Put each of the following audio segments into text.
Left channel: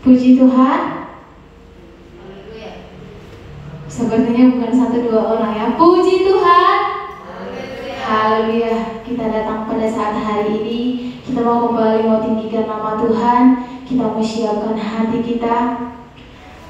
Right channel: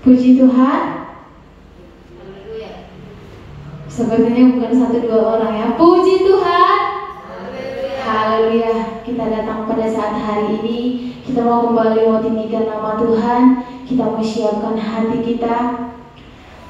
Puji Tuhan. Sepertinya bukan satu dua orang ya. Puji Tuhan. Haleluya. Kita datang pada saat hari ini. Kita mau kembali mau tinggikan nama Tuhan. Kita mau siapkan hati kita.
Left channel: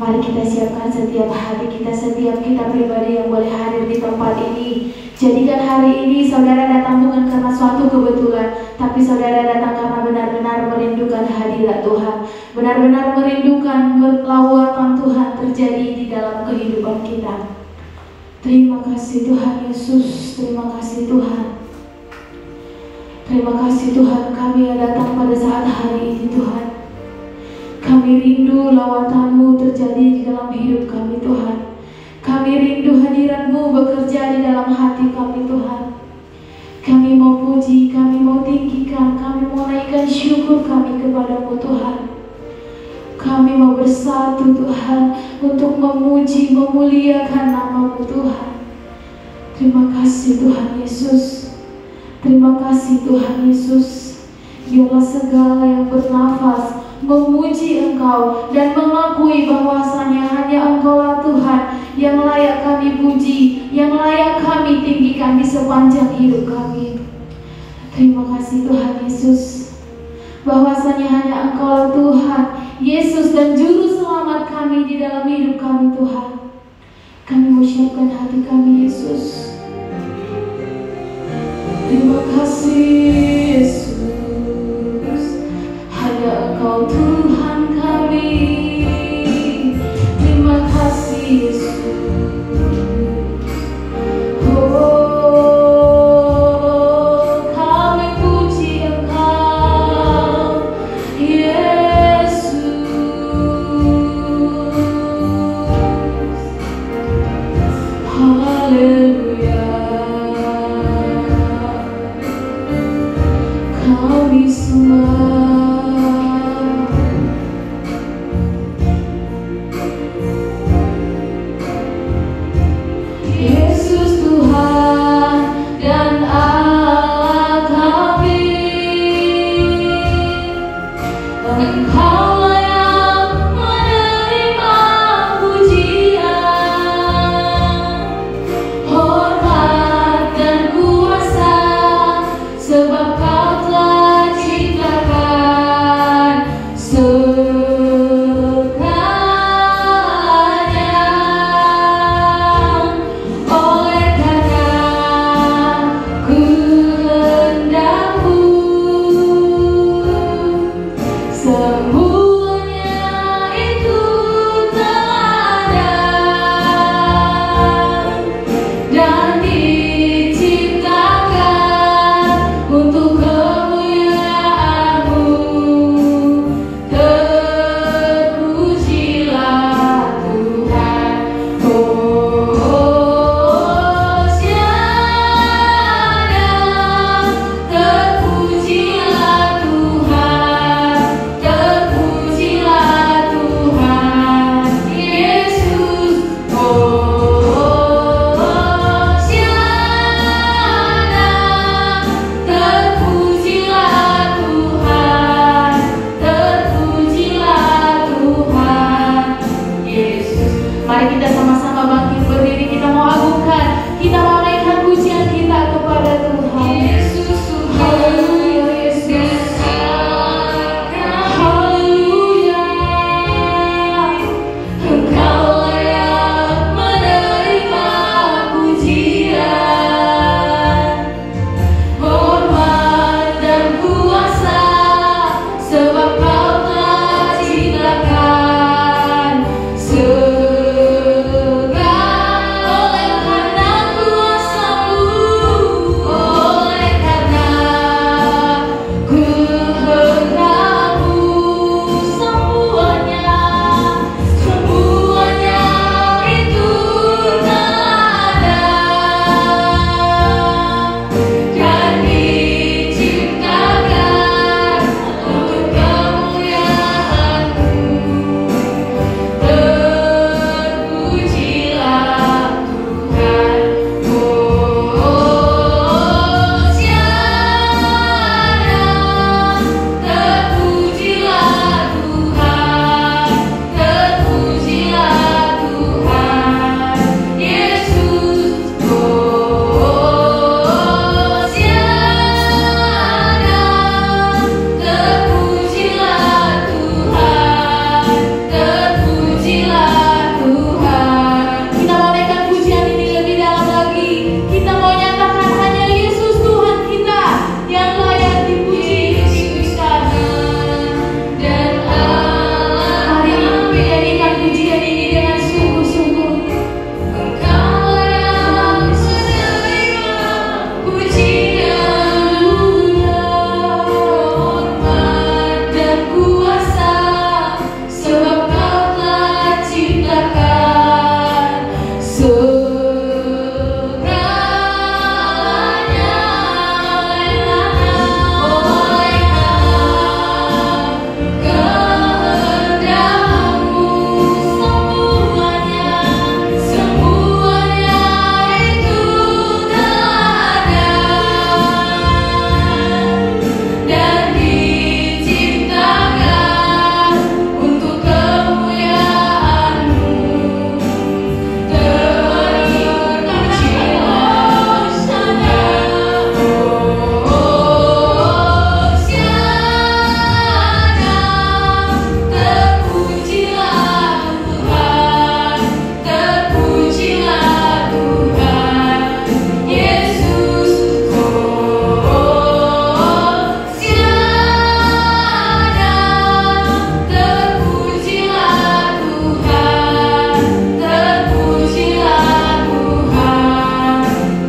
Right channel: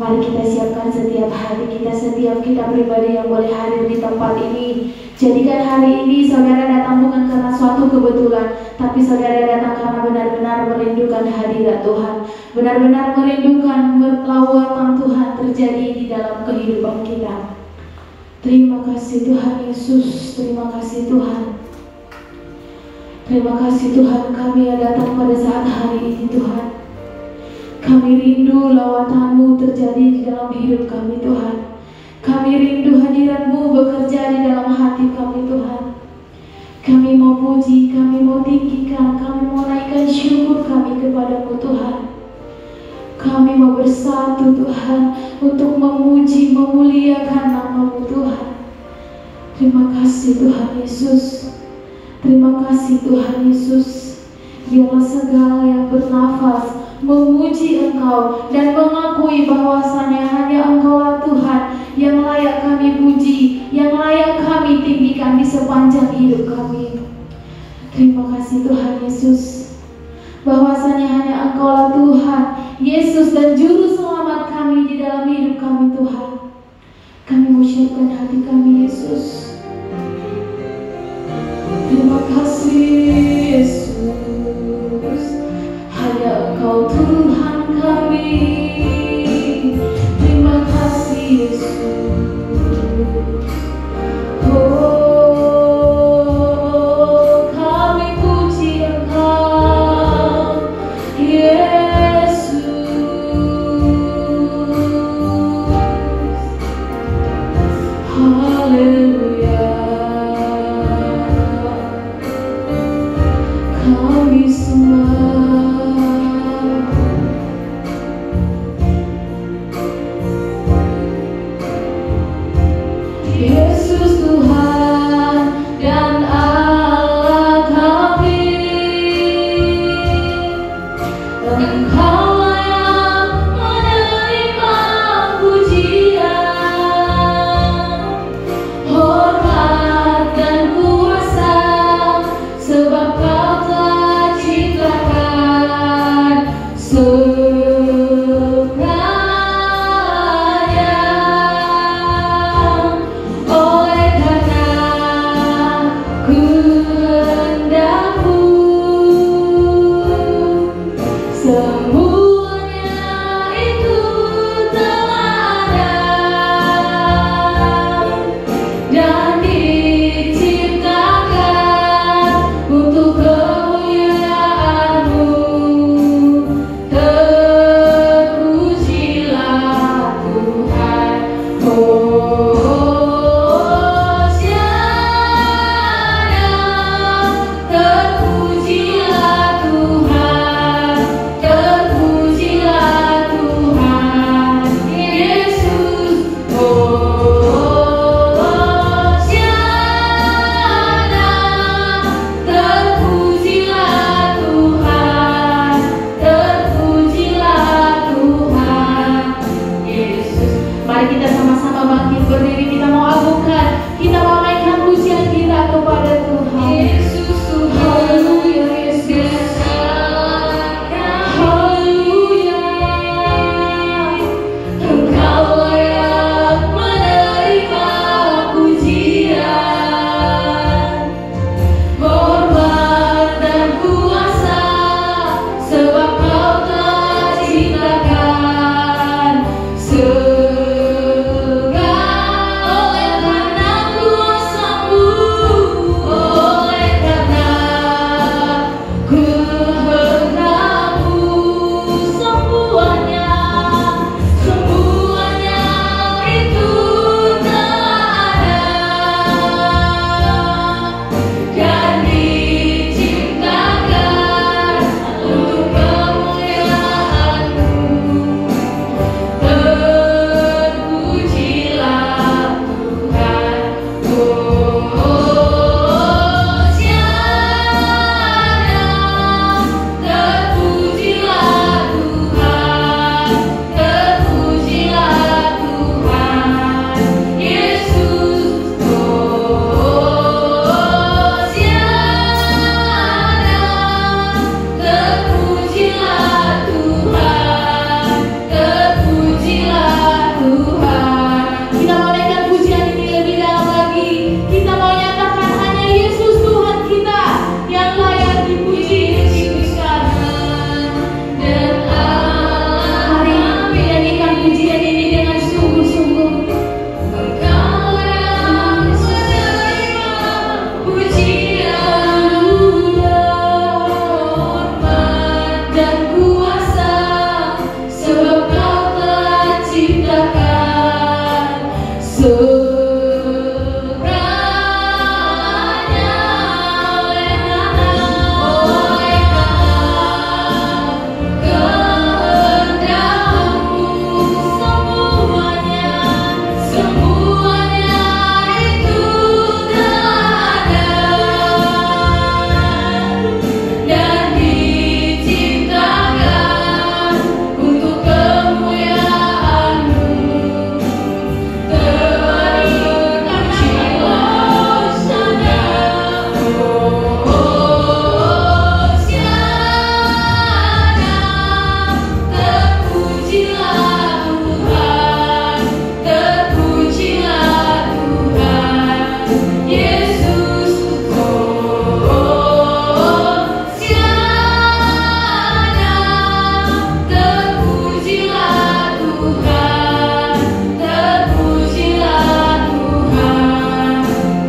Mari kita siapkan setiap hati kita, setiap kita pribadi yang boleh hadir di tempat ini. Jadikan hari ini saudara datang bukan karena suatu kebetulan, tapi saudara datang karena benar-benar merindukan hadirat Tuhan. Benar-benar merindukan lawatan Tuhan terjadi di dalam kehidupan kita. Terima kasih Tuhan Yesus, terima kasih Tuhan. Terima kasih Tuhan, kami yang datang pada saat hari ini Tuhan. Kami rindu lawatan-Mu terjadi di dalam hidup kami Tuhan. Kami rindu hadirat-Mu bekerja di dalam hati kami Tuhan. Kami mau puji, kami mau tinggikan, kami mau naikkan syukur kami kepada-Mu Tuhan. Kami mau bersatu Tuhan untuk memuji, memuliakan nama-Mu Tuhan. Terima kasih Tuhan Yesus. Terima kasih Tuhan Yesus. Biarlah segala yang bernafas memuji Engkau dan mengakui bahwasanya hanya Engkaulah Tuhan yang layak kami puji, yang layak kami tinggikan di sepanjang hidup kami. Terima kasih Tuhan Yesus, bahwasanya hanya Engkaulah Tuhan Yesus dan Juru Selamat kami di dalam hidup kami Tuhan. Kami mau siapkan hati kami Yesus. Terima kasih Yesus. Hanya Engkau Tuhan kami. Terima kasih Yesus. Oh, kami puji Engkau Yesus. Haleluya. Kami semua Yesus Tuhan dan Allah kami. Engkaulah yang menerima pujian, hormat dan kuasa, sebab Kau telah ciptakan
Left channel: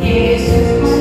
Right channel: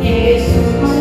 Yesus,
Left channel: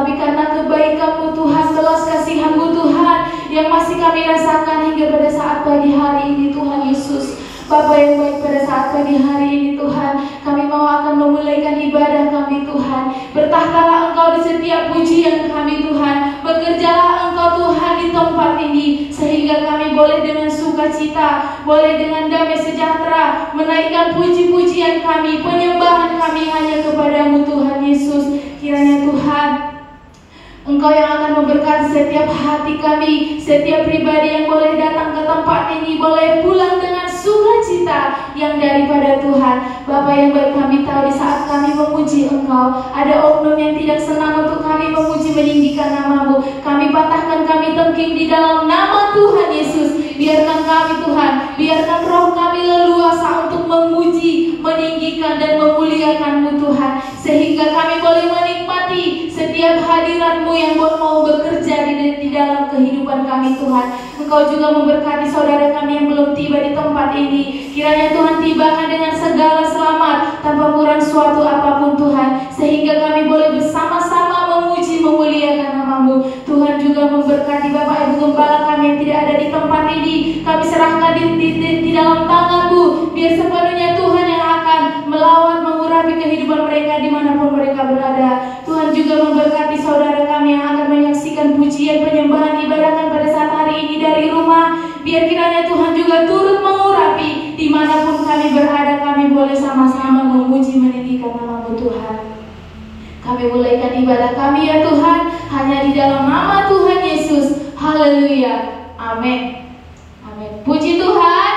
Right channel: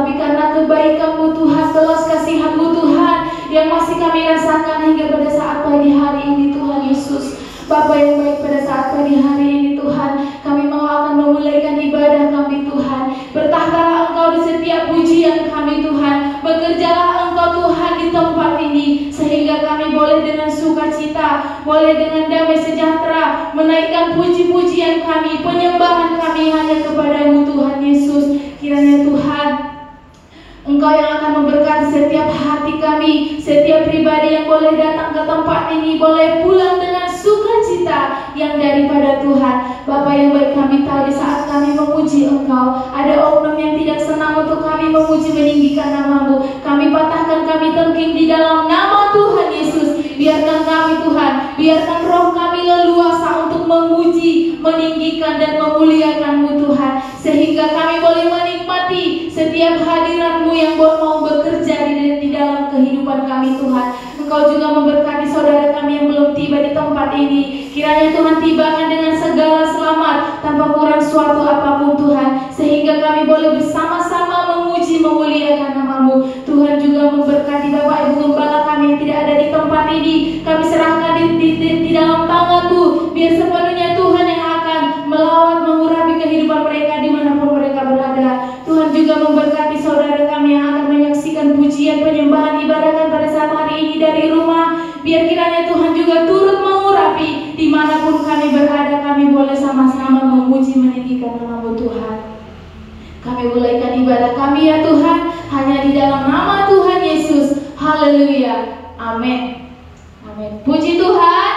Tetapi karena kebaikan-Mu Tuhan, belas kasihan-Mu Tuhan, yang masih kami rasakan hingga pada saat pagi hari ini Tuhan Yesus. Bapa yang baik, pada saat pagi hari ini Tuhan, kami mau akan memulaikan ibadah kami Tuhan. Bertahtalah Engkau di setiap pujian kami Tuhan. Bekerjalah Engkau Tuhan di tempat ini, sehingga kami boleh dengan sukacita, boleh dengan damai sejahtera menaikkan puji-pujian kami, penyembahan kami hanya kepada-Mu Tuhan Yesus. Kiranya Tuhan, Engkau yang akan memberkati setiap hati kami, setiap pribadi yang boleh datang ke tempat ini, boleh pulang dengan sukacita yang daripada Tuhan. Bapa yang baik, kami tahu di saat kami memuji Engkau, ada oknum yang tidak senang untuk kami memuji meninggikan nama-Mu. Kami patahkan, kami tengking di dalam nama Tuhan Yesus. Biarkan kami Tuhan, biarkan roh kami leluasa untuk memuji, meninggikan dan memuliakan-Mu Tuhan, sehingga kami boleh menikmati setiap hadirat-Mu yang mau bekerja di dalam kehidupan kami Tuhan. Engkau juga memberkati saudara kami yang belum tiba di tempat ini. Kiranya Tuhan tibakan dengan segala selamat, tanpa kurang suatu apapun Tuhan, sehingga kami boleh bersama-sama memuji, memuliakan nama-Mu. Tuhan juga memberkati Bapak Ibu Gembala kami yang tidak ada di tempat ini. Kami serahkan di dalam tangan-Mu, biar sepenuhnya Tuhan yang akan melawan, mengurapi kehidupan mereka dimanapun mereka berada. Tuhan juga memberkati saudara kami yang akan menyaksikan pujian, penyembahan, ibadah pada saat hari ini dari rumah. Biar kiranya Tuhan juga turut mengurapi dimanapun kami berada. Kami boleh sama-sama memuji, meninggikan nama-Mu Tuhan. Kami mulaikan ibadah kami ya Tuhan, hanya di dalam nama Tuhan Yesus. Haleluya, amin. Amin. Puji Tuhan.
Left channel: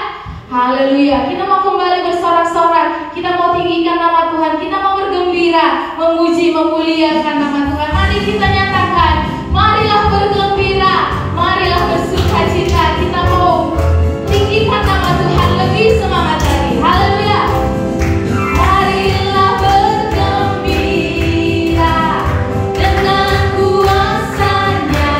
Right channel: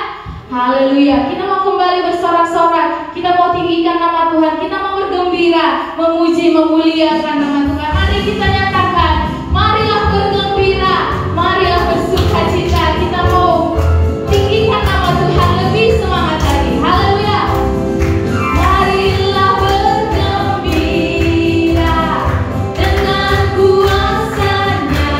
Haleluya. Kita mau kembali bersorak-sorak, kita mau tinggikan nama Tuhan, kita mau bergembira, memuji, memuliakan nama Tuhan. Mari kita nyatakan, marilah bergembira, marilah bersukacita. Kita mau tinggikan nama Tuhan lebih semangat lagi. Haleluya. Marilah bergembira dengan kuasa-Nya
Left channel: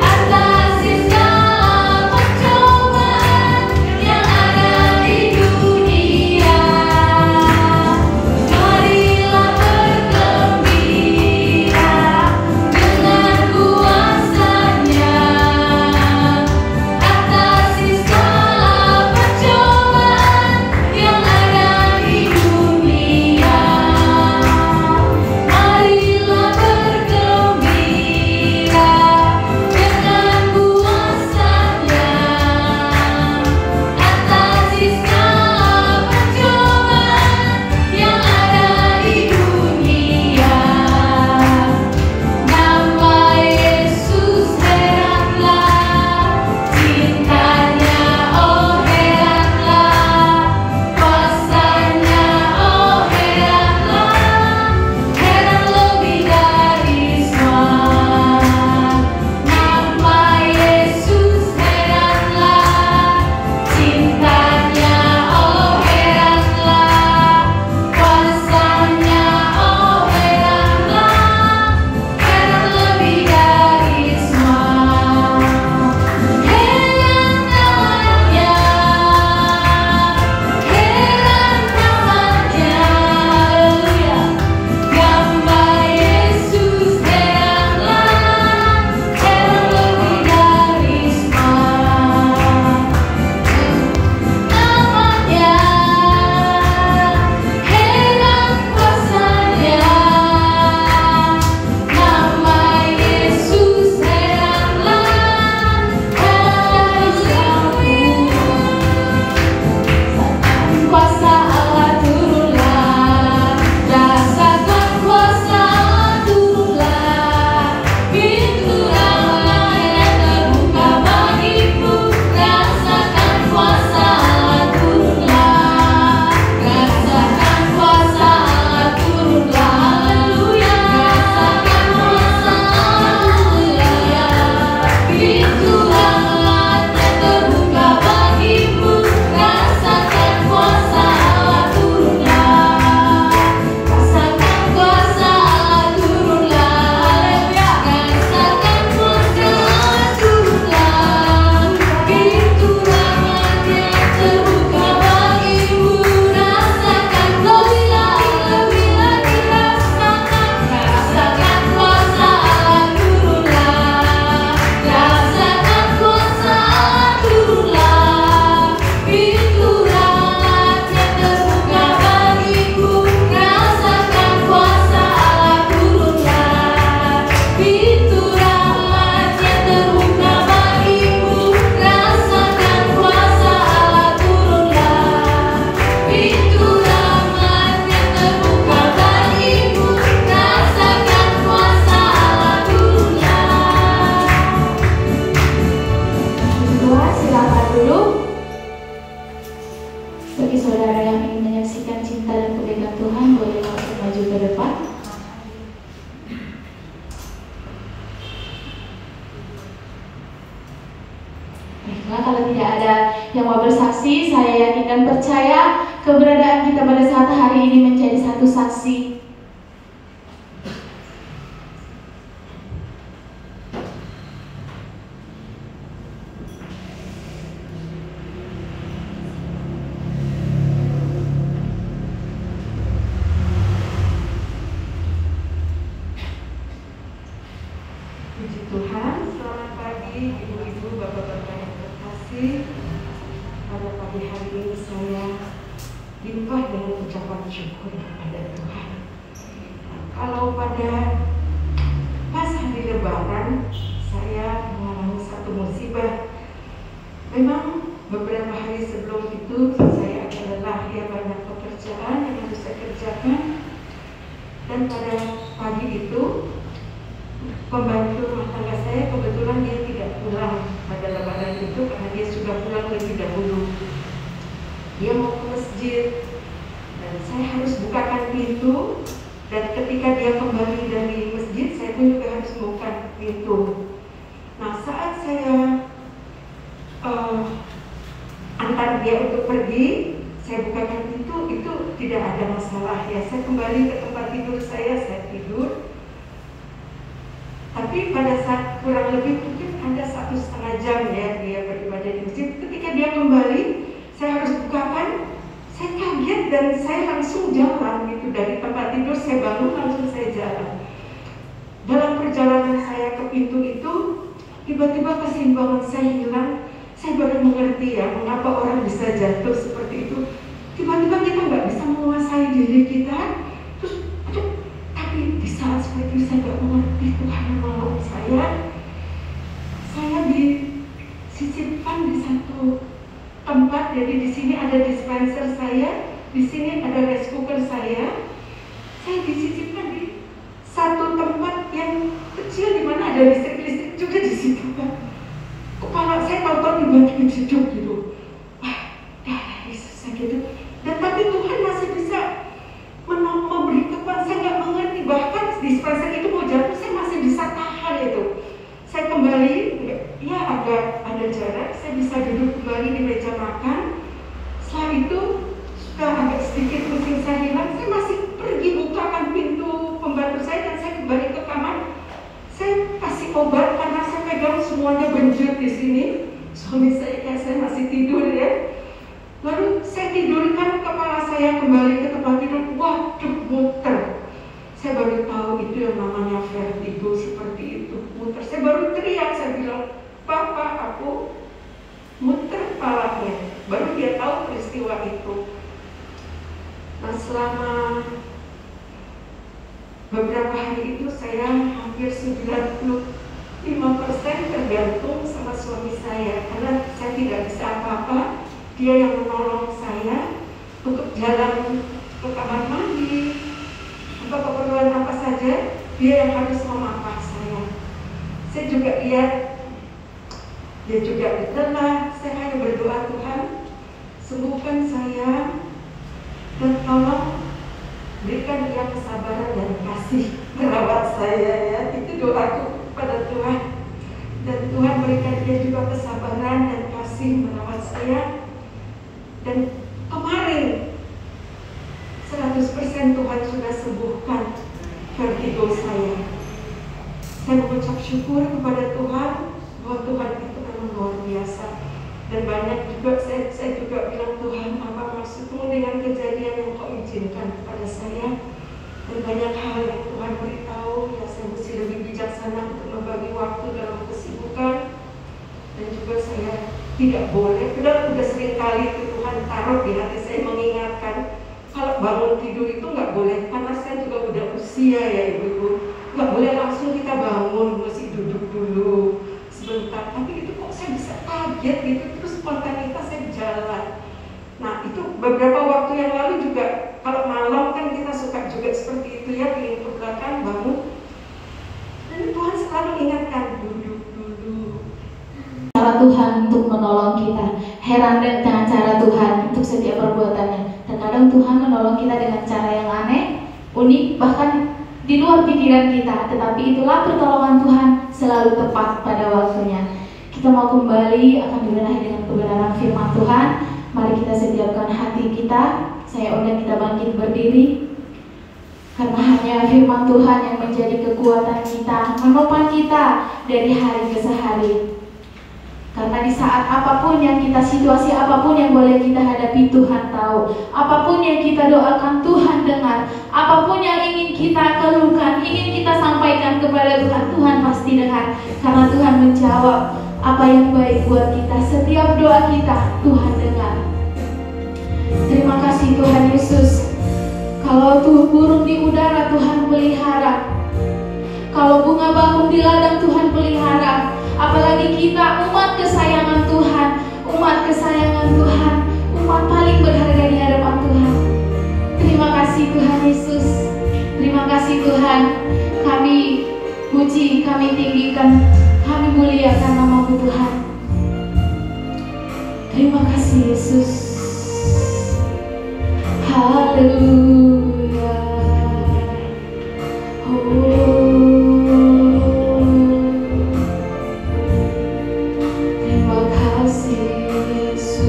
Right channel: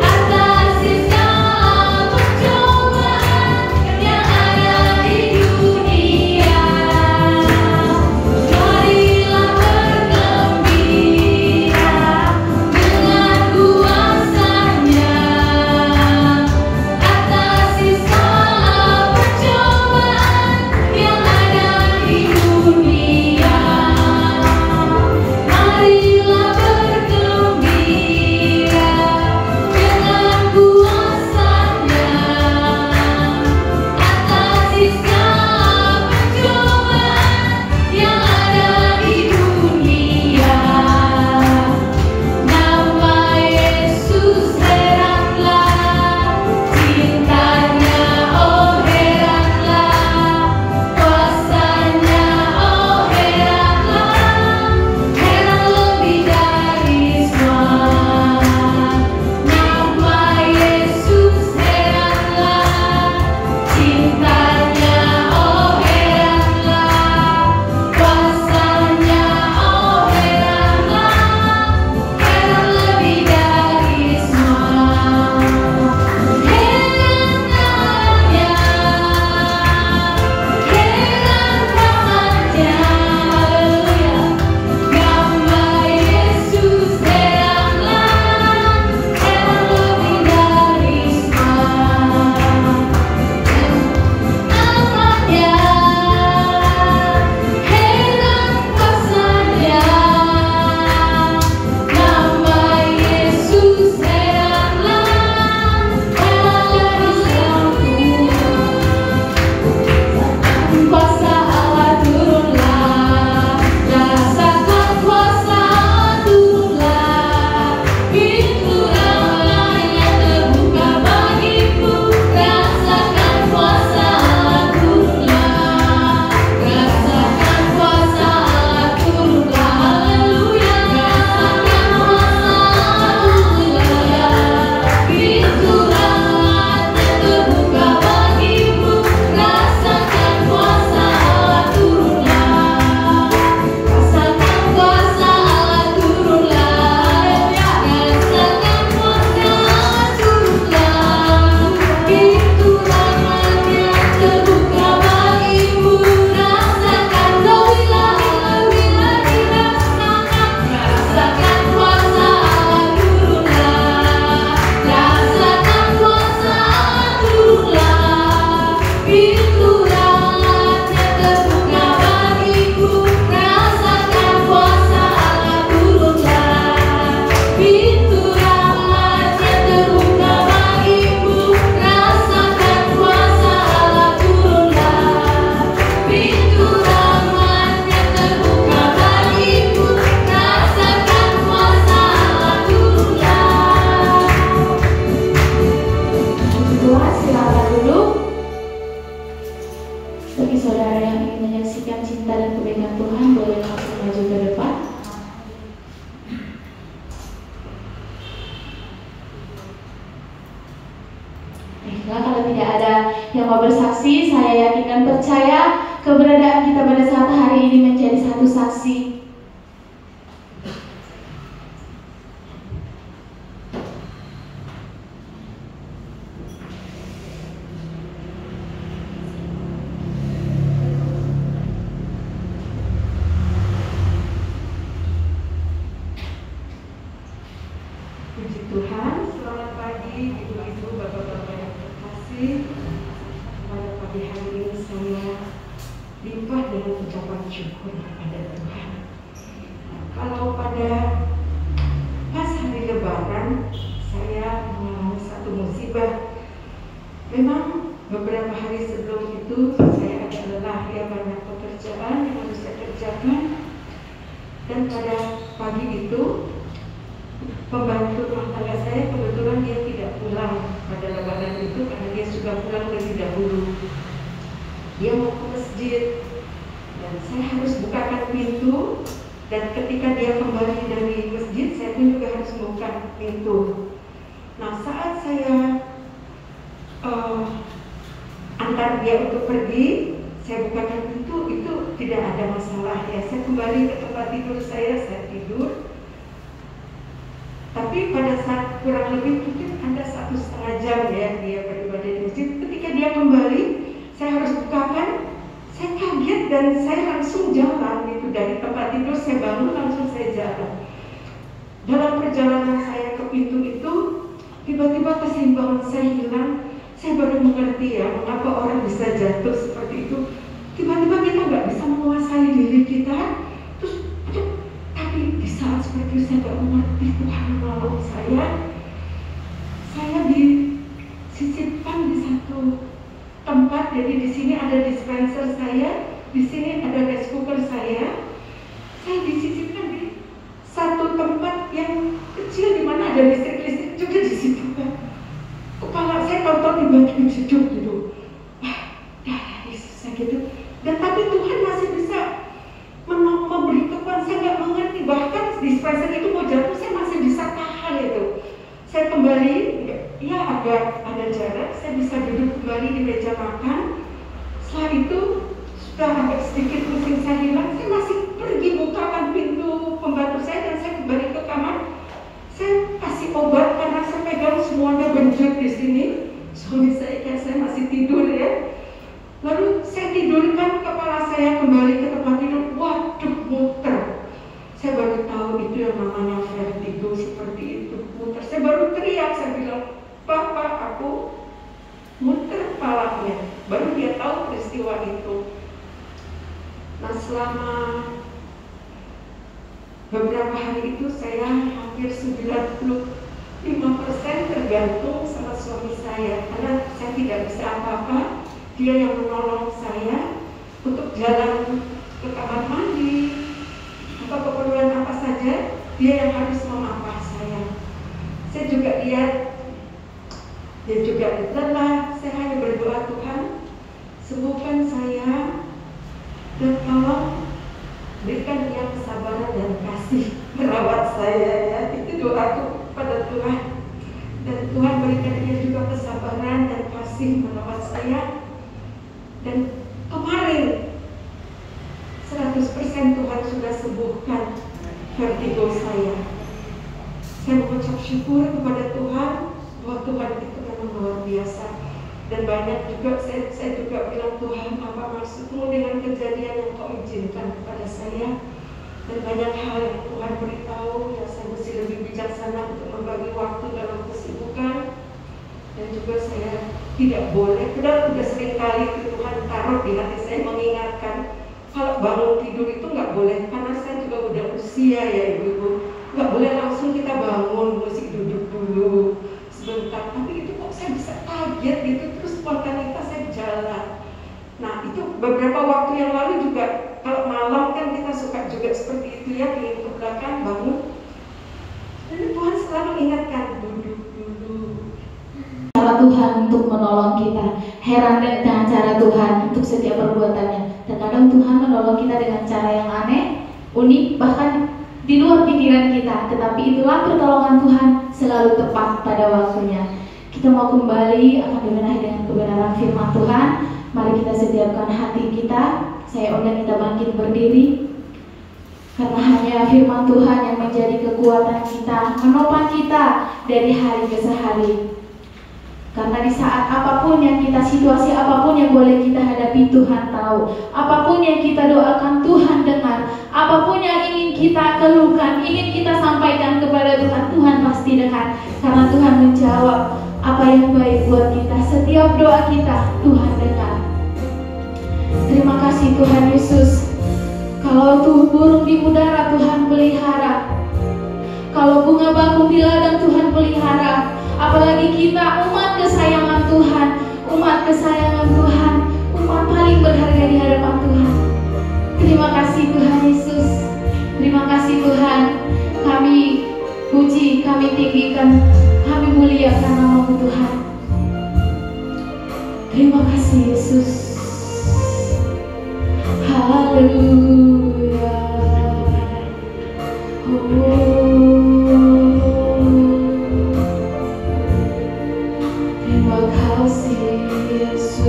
atas segala percobaan yang ada di dunia. Marilah bergembira satu saksi. Puji Tuhan, selamat pagi ibu-ibu, bapak-bapak yang terkasih. Pada pagi hari ini saya limpah dengan ucapan syukur kepada Tuhan. Kalau pada pas hari Lebaran saya mengalami satu musibah. Memang beberapa hari sebelum itu saya agak lelah ya karena pekerjaan yang harus saya kerjakan. Dan pada pagi itu pembantu rumah tangga saya kebetulan dia tidak pulang pada Lebaran itu karena dia sudah pulang lebih dahulu. Dia mau ke masjid dan saya harus bukakan pintu, dan ketika dia kembali dari masjid saya pun juga harus buka pintu. Nah, saat saya antar dia untuk pergi, saya bukakan pintu, itu tidak ada masalah ya. Saya kembali ke tempat tidur saya tidur. Tapi pada saat kurang lebih mungkin ada 1,5 jam ya dia beribadah di masjid. Ketika dia kembali, saya harus bukakan. Saya kaget dan saya langsung jalan gitu dari tempat tidur. Saya bangun langsung saya jalan. Dalam perjalanan saya ke pintu itu, tiba-tiba keseimbangan saya hilang. Saya baru mengerti ya mengapa orang bisa jatuh seperti itu. Tiba-tiba kita nggak bisa menguasai diri kita. Terus tapi di saat seperti itu saya tidak mengerti Tuhan menolong saya. Saya disisipkan di satu tempat, jadi di sini ada dispenser saya, di sini ada rice cooker saya. Saya disisipkan di satu tempat yang kecil di mana ada listrik juga di situ kan. Kepala saya nonton dibagi hidup gitu. Wah, darah Yesus gitu. Dan tapi Tuhan masih bisa memberi kekuatan. Saya nggak mengerti, bahkan dispenser itu mau jatuh saya masih bisa tahan itu. Saya kembali, ya ada jarak, saya bisa duduk kembali di meja makan. Setelah itu sudah agak sedikit pusing saya hilang, saya masih pergi bukakan pintu pembantu saya dan saya kembali ke kamar. Saya kasih obat karena saya pegang semuanya benjut di sini. Suami saya masih tidur ya. Lalu saya tidurkan kepala saya kembali ke tempat tidur. Waduh, muter. Saya baru tahu itu yang namanya vertigo, seperti itu, muter. Saya baru teriak, saya bilang, "Bapak, aku muter kepalanya." Baru dia tahu peristiwa itu. Nah, selama beberapa hari itu saya hampir 95% tergantung sama suami saya, karena saya tidak bisa apa-apa. Dia yang menolong saya untuk jalan ke kamar mandi, untuk keperluan apa saja, dia yang harus memapah saya. Saya juga lihat dia juga lelah. Saya hanya berdoa, Tuhan sembuhkan saya dan tolong berikan dia kesabaran dan kasih merawat saya ya. Itu doaku pada Tuhan. Dan Tuhan berikan dia juga kesabaran dan kasih merawat saya. Dan kemarin 100% Tuhan sudah sembuhkan vertigo saya. Saya mengucap syukur kepada Tuhan bahwa Tuhan itu memang luar biasa. Dan banyak juga saya juga bilang, Tuhan, apa maksudmu dengan kejadian yang kau izinkan kepada saya? Dan banyak hal yang Tuhan beritahu yang saya mesti lebih bijaksana untuk membagi waktu dalam kesibukan. Dan juga saya tidak boleh, udah sering kali Tuhan taruh di hati saya mengingatkan, kalau bangun tidur itu nggak boleh, karena saya juga udah usia ya ibu-ibu, nggak boleh langsung kita bangun, mesti duduk dulu sebentar. Tapi itu kok saya bisa kaget gitu, terus spontanitas saya jalan. Nah itu beberapa waktu yang lalu juga, kalau malam kan kita suka juga seperti itu ya, keliling ke belakang, bangun. Dan Tuhan selalu ingatkan, duduk dulu. Cara Tuhan untuk menolong kita, heran dengan cara Tuhan untuk setiap perbuatannya. Terkadang Tuhan menolong kita dengan cara yang aneh, unik, bahkan di luar pikiran kita. Tetapi itulah pertolongan Tuhan selalu tepat pada waktunya. Kita mau kembali akan dibenahi dengan kebenaran firman Tuhan. Mari kita sediakan hati kita. Saya undang kita bangkit berdiri. Kiranya firman Tuhan yang menjadi kekuatan kita, menopang kita dari hari ke hari. Karena di saat apapun yang kita, situasi apapun yang boleh kita hadapi, Tuhan tahu. Apapun yang kita doakan, Tuhan dengar. Apapun yang ingin kita keluhkan, ingin kita sampaikan kepada Tuhan, Tuhan pasti dengar. Karena Tuhan menjawab apa yang baik buat kita. Setiap doa kita, Tuhan dengar. Terima kasih Tuhan Yesus. Kalau tuh burung di udara, Tuhan pelihara. Kalau bunga bakung di ladang, Tuhan pelihara. Apalagi kita umat kesayangan Tuhan, umat kesayangan Tuhan, umat paling berharga di hadapan Tuhan. Terima kasih Tuhan Yesus. Terima kasih Tuhan. Kami puji, kami tinggikan, kami muliakan nama-Mu Tuhan. Terima kasih Yesus. Haleluya. Terima kasih Yesus.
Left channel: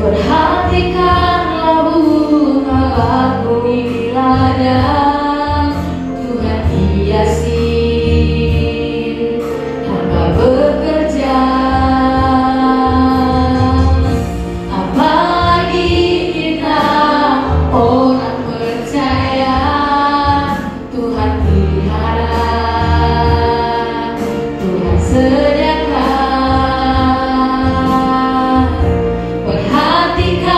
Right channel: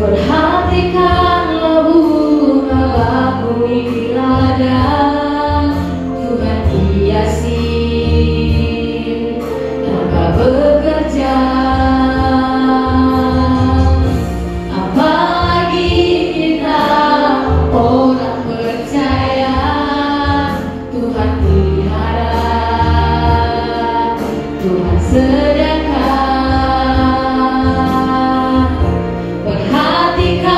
Perhatikanlah bunga bakung di ladang, Tuhan hiasi tanpa bekerja. Apalagi kita orang percaya, Tuhan pelihara, Tuhan sediakan. Perhatikan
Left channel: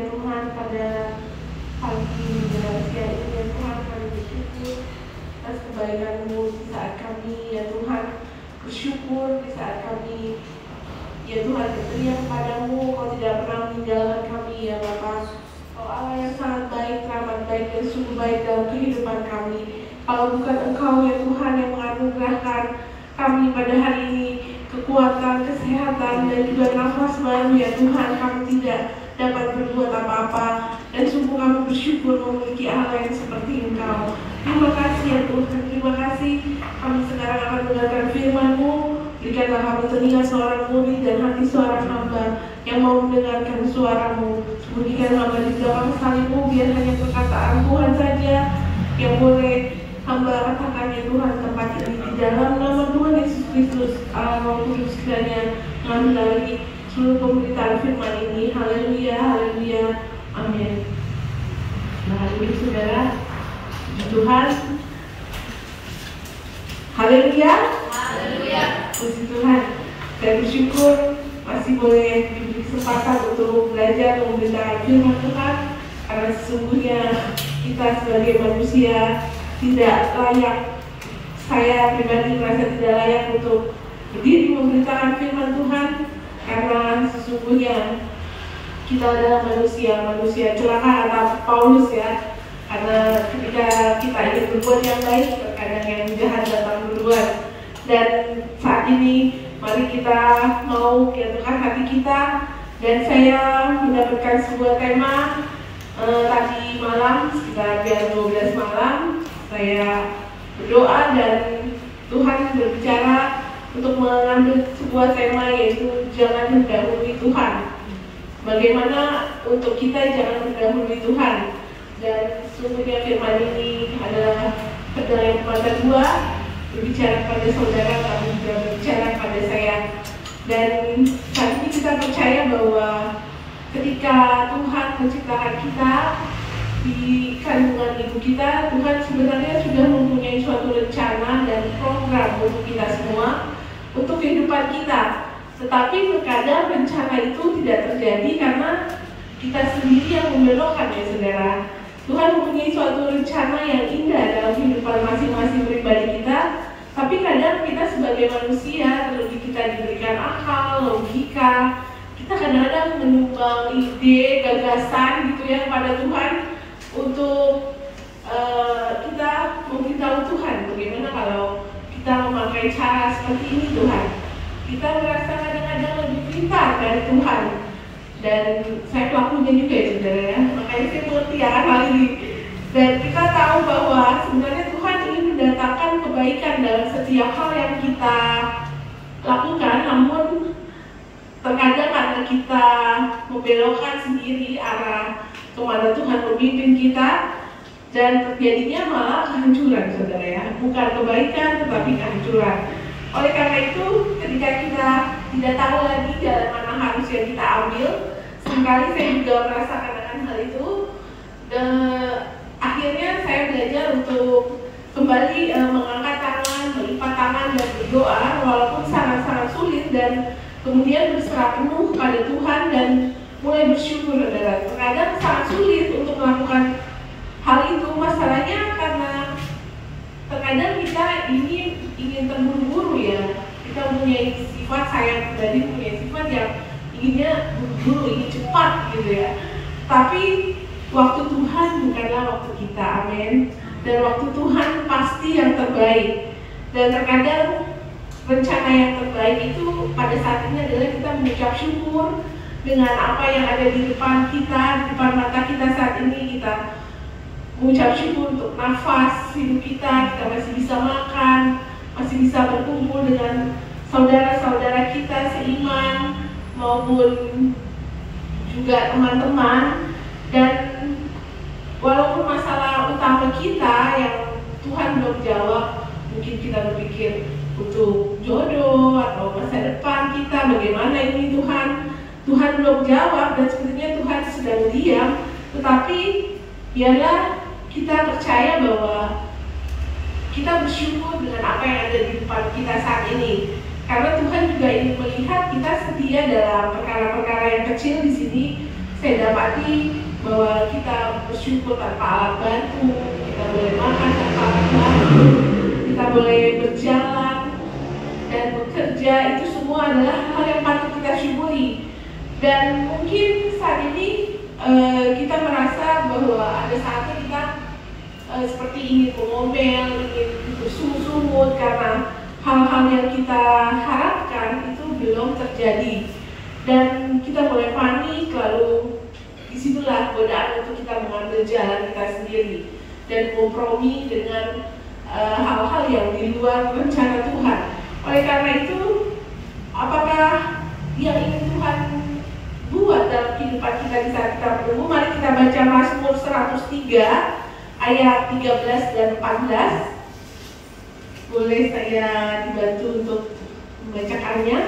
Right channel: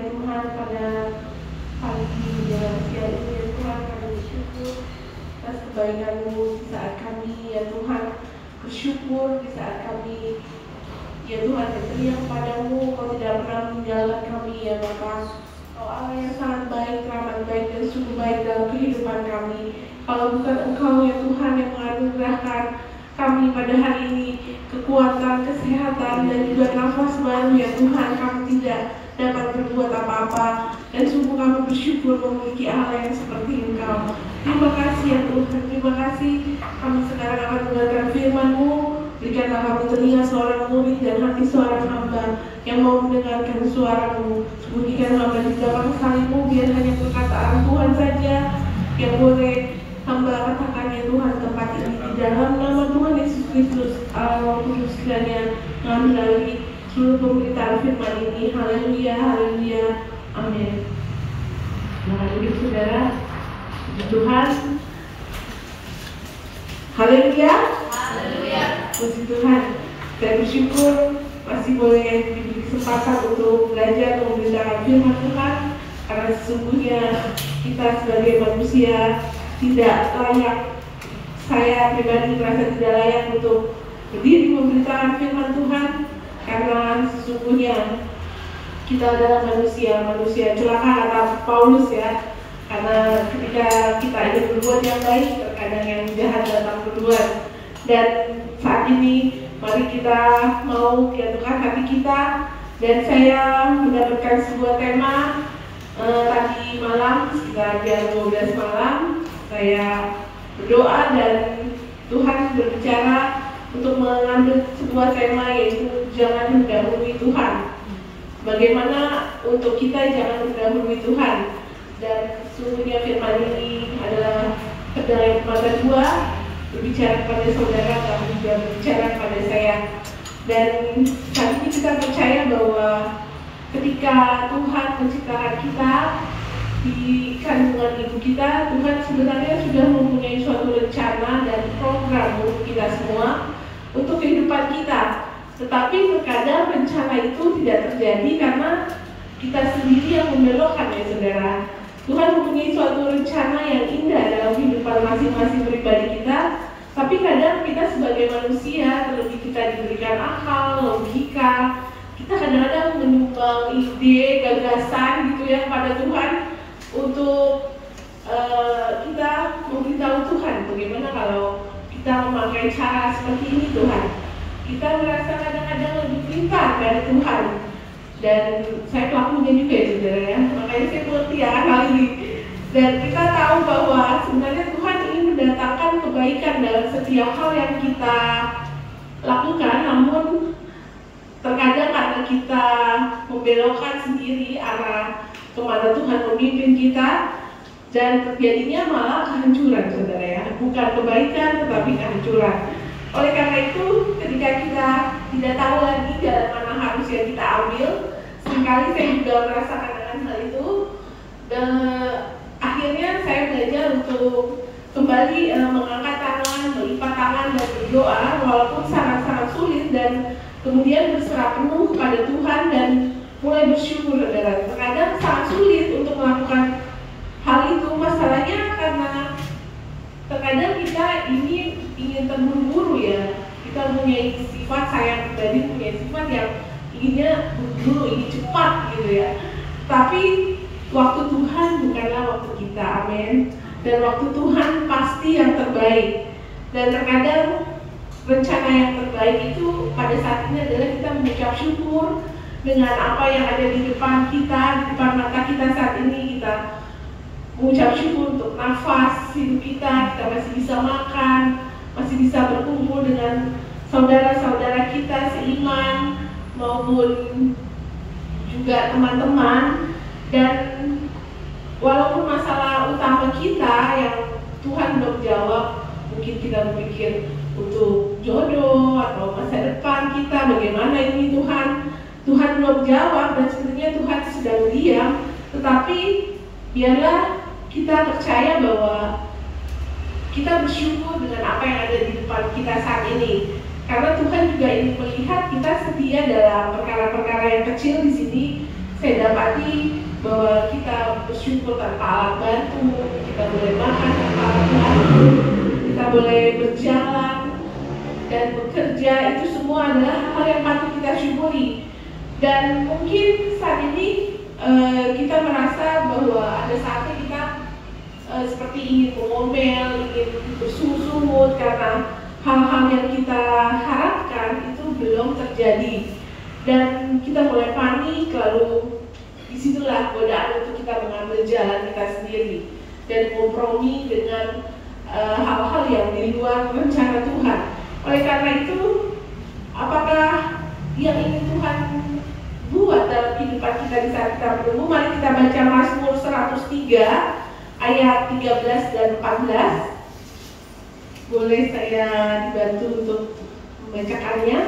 ya Tuhan pada pagi dan siang ini ya Tuhan, kami bersyukur atas kebaikan-Mu di saat kami ya Tuhan, bersyukur di saat kami ya Tuhan berteriak padamu, Kau tidak pernah meninggalkan kami ya Bapa. Kau Allah yang sangat baik, teramat baik dan sungguh baik dalam kehidupan kami. Kalau bukan Engkau ya Tuhan yang menganugerahkan kami pada hari ini kekuatan, kesehatan dan juga nafas baru ya Tuhan, kami tidak dapat berbuat apa-apa. Dan sungguh kami bersyukur memiliki Allah yang seperti Engkau. Terima kasih ya Tuhan, terima kasih. Kami sekarang akan mendengarkan firman-Mu. Berikanlah kami telinga seorang murid dan hati seorang hamba yang mau mendengarkan suara-Mu. Sembunyikan hamba di belakang salib-Mu, biar hanya perkataan Tuhan saja yang boleh hamba katakan ya Tuhan tempat ini. Di dalam nama Tuhan Yesus Kristus, Allah Roh Kudus kiranya mengendali seluruh pemberitaan firman ini. Haleluya, haleluya, amin. Haleluya saudara, puji Tuhan. Haleluya, haleluya, puji Tuhan. Saya bersyukur masih boleh diberi kesempatan untuk belajar memberitakan firman Tuhan, karena sesungguhnya kita sebagai manusia tidak layak. Saya pribadi merasa tidak layak untuk berdiri memberitakan firman Tuhan, karena sesungguhnya kita adalah manusia celaka kata Paulus ya. Karena ketika kita ingin berbuat yang baik, terkadang yang jahat datang duluan. Dan saat ini mari kita mau menyatukan hati kita. Dan saya mendapatkan sebuah tema tadi malam sekitar jam 12 malam. Saya berdoa dan Tuhan berbicara untuk mengambil sebuah tema, yaitu jangan mendahului Tuhan. Bagaimana untuk kita jangan mendahului Tuhan. Dan sesungguhnya firman ini adalah terdalam pada dua, berbicara kepada saudara dan juga berbicara kepada saya. Dan saat ini kita percaya bahwa ketika Tuhan menciptakan kita di kandungan ibu kita, Tuhan sebenarnya sudah mempunyai suatu rencana dan program untuk kita semua, untuk kehidupan kita. Tetapi terkadang rencana itu tidak terjadi karena kita sendiri yang membelokkan ya saudara. Tuhan mempunyai suatu rencana yang indah dalam kehidupan masing-masing pribadi kita, tapi kadang kita sebagai manusia, terlebih kita diberikan akal, logika, kita kadang-kadang menyumbang ide, gagasan gitu ya pada Tuhan untuk kita memberitahu Tuhan. Bagaimana kalau kita memakai cara seperti ini Tuhan? Kita merasa kadang-kadang lebih pintar dari Tuhan. Dan saya pelakunya juga ya saudara ya, makanya saya mengerti akan hal ini. Dan kita tahu bahwa sebenarnya Tuhan ingin mendatangkan kebaikan dalam setiap hal yang kita lakukan, namun terkadang karena kita membelokkan sendiri arah kemana Tuhan memimpin kita, dan terjadinya malah kehancuran saudara ya, bukan kebaikan tetapi kehancuran. Oleh karena itu, ketika kita tidak tahu lagi jalan mana harus yang kita ambil, seringkali saya juga merasakan akan hal itu. Dan akhirnya saya belajar untuk kembali mengangkat tangan, melipat tangan dan berdoa, walaupun sangat-sangat sulit, dan kemudian berserah penuh kepada Tuhan dan mulai bersyukur. Dan terkadang sangat sulit untuk melakukan hal itu. Masalahnya karena terkadang kita ingin terburu-buru ya. Kita punya sifat, saya pribadi punya sifat yang inginnya buru-buru, ingin cepat gitu ya. Tapi waktu Tuhan bukanlah waktu kita, amin. Dan waktu Tuhan pasti yang terbaik. Dan terkadang rencana yang terbaik itu pada saat ini adalah kita mengucap syukur dengan apa yang ada di depan kita, di depan mata kita saat ini. Kita mengucap syukur untuk nafas hidup kita masih bisa makan, masih bisa berkumpul dengan saudara-saudara kita seiman maupun juga teman-teman. Dan walaupun masalah utama kita yang Tuhan belum jawab, mungkin kita berpikir untuk jodoh atau masa depan kita bagaimana ini Tuhan belum jawab, dan sebenarnya Tuhan sedang diam. Tetapi biarlah kita percaya bahwa kita bersyukur dengan apa yang ada di depan kita saat ini, karena Tuhan juga ingin melihat kita setia dalam perkara-perkara yang kecil di sini, saya dapati bahwa kita bersyukur tanpa alat bantu, kita boleh makan tanpa alat bantu, kita boleh berjalan dan bekerja, itu semua adalah hal yang patut kita syukuri. Dan mungkin saat ini kita merasa bahwa ada saatnya kita seperti ingin mengomel, ingin bersungut karena hal-hal yang kita harapkan itu belum terjadi. Dan kita mulai panik, lalu disitulah godaan untuk kita mengambil jalan kita sendiri dan kompromi dengan hal-hal yang di luar rencana Tuhan. Oleh karena itu, apakah yang ingin Tuhan buat dalam kehidupan kita di saat kita menunggu? Mari kita baca Mazmur 103 ayat 13 dan 14. Boleh saya dibantu untuk membacakannya?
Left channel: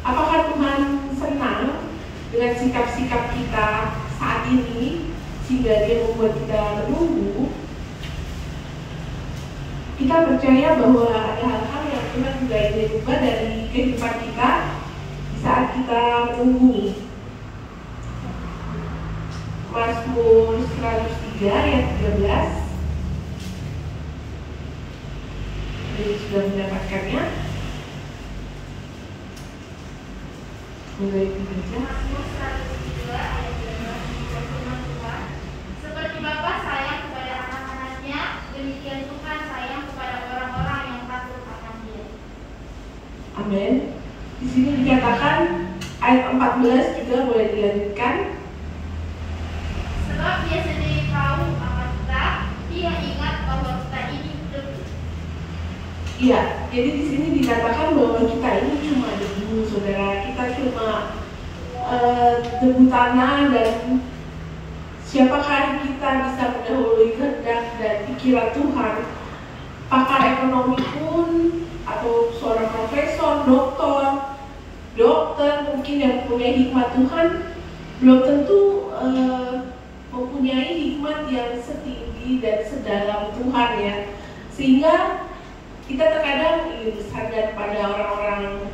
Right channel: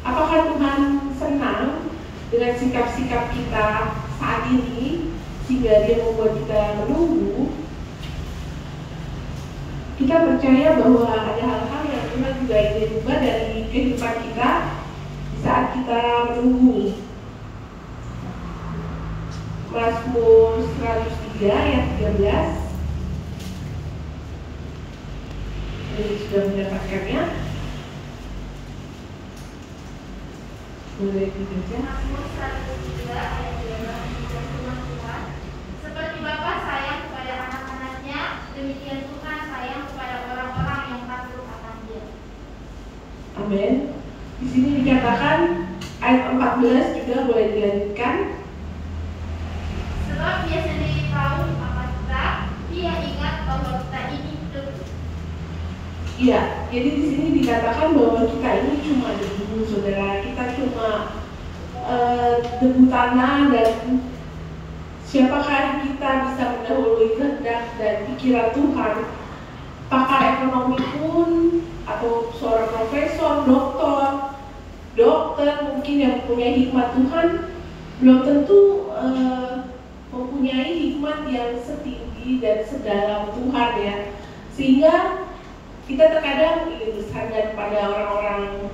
Apakah Tuhan senang dengan sikap-sikap kita saat ini sehingga Dia membuat kita menunggu? Kita percaya bahwa ada hal-hal yang Tuhan juga ingin ubah dari kehidupan kita di saat kita menunggu. Mazmur 103 ayat 13. Jadi sudah mendapatkannya. Boleh dibaca. Seperti Bapa sayang kepada anak-anaknya, demikian Tuhan sayang kepada orang-orang yang takut akan Dia. Amin. Di sini dikatakan ayat 14 juga boleh dilanjutkan. Sebab Dia sendiri tahu apa kita, Dia ingat bahwa kita ini debu. Iya, jadi di sini dikatakan bahwa kita ini cuma debu, saudara. Kita cuma debu tanah, dan siapakah kita bisa mendahului kehendak dan pikiran Tuhan? Pakar ekonomi pun, atau seorang profesor, dokter mungkin yang mempunyai hikmat Tuhan, belum tentu mempunyai hikmat yang setinggi dan sedalam Tuhan, ya. Sehingga kita terkadang ingin bersandar pada orang-orang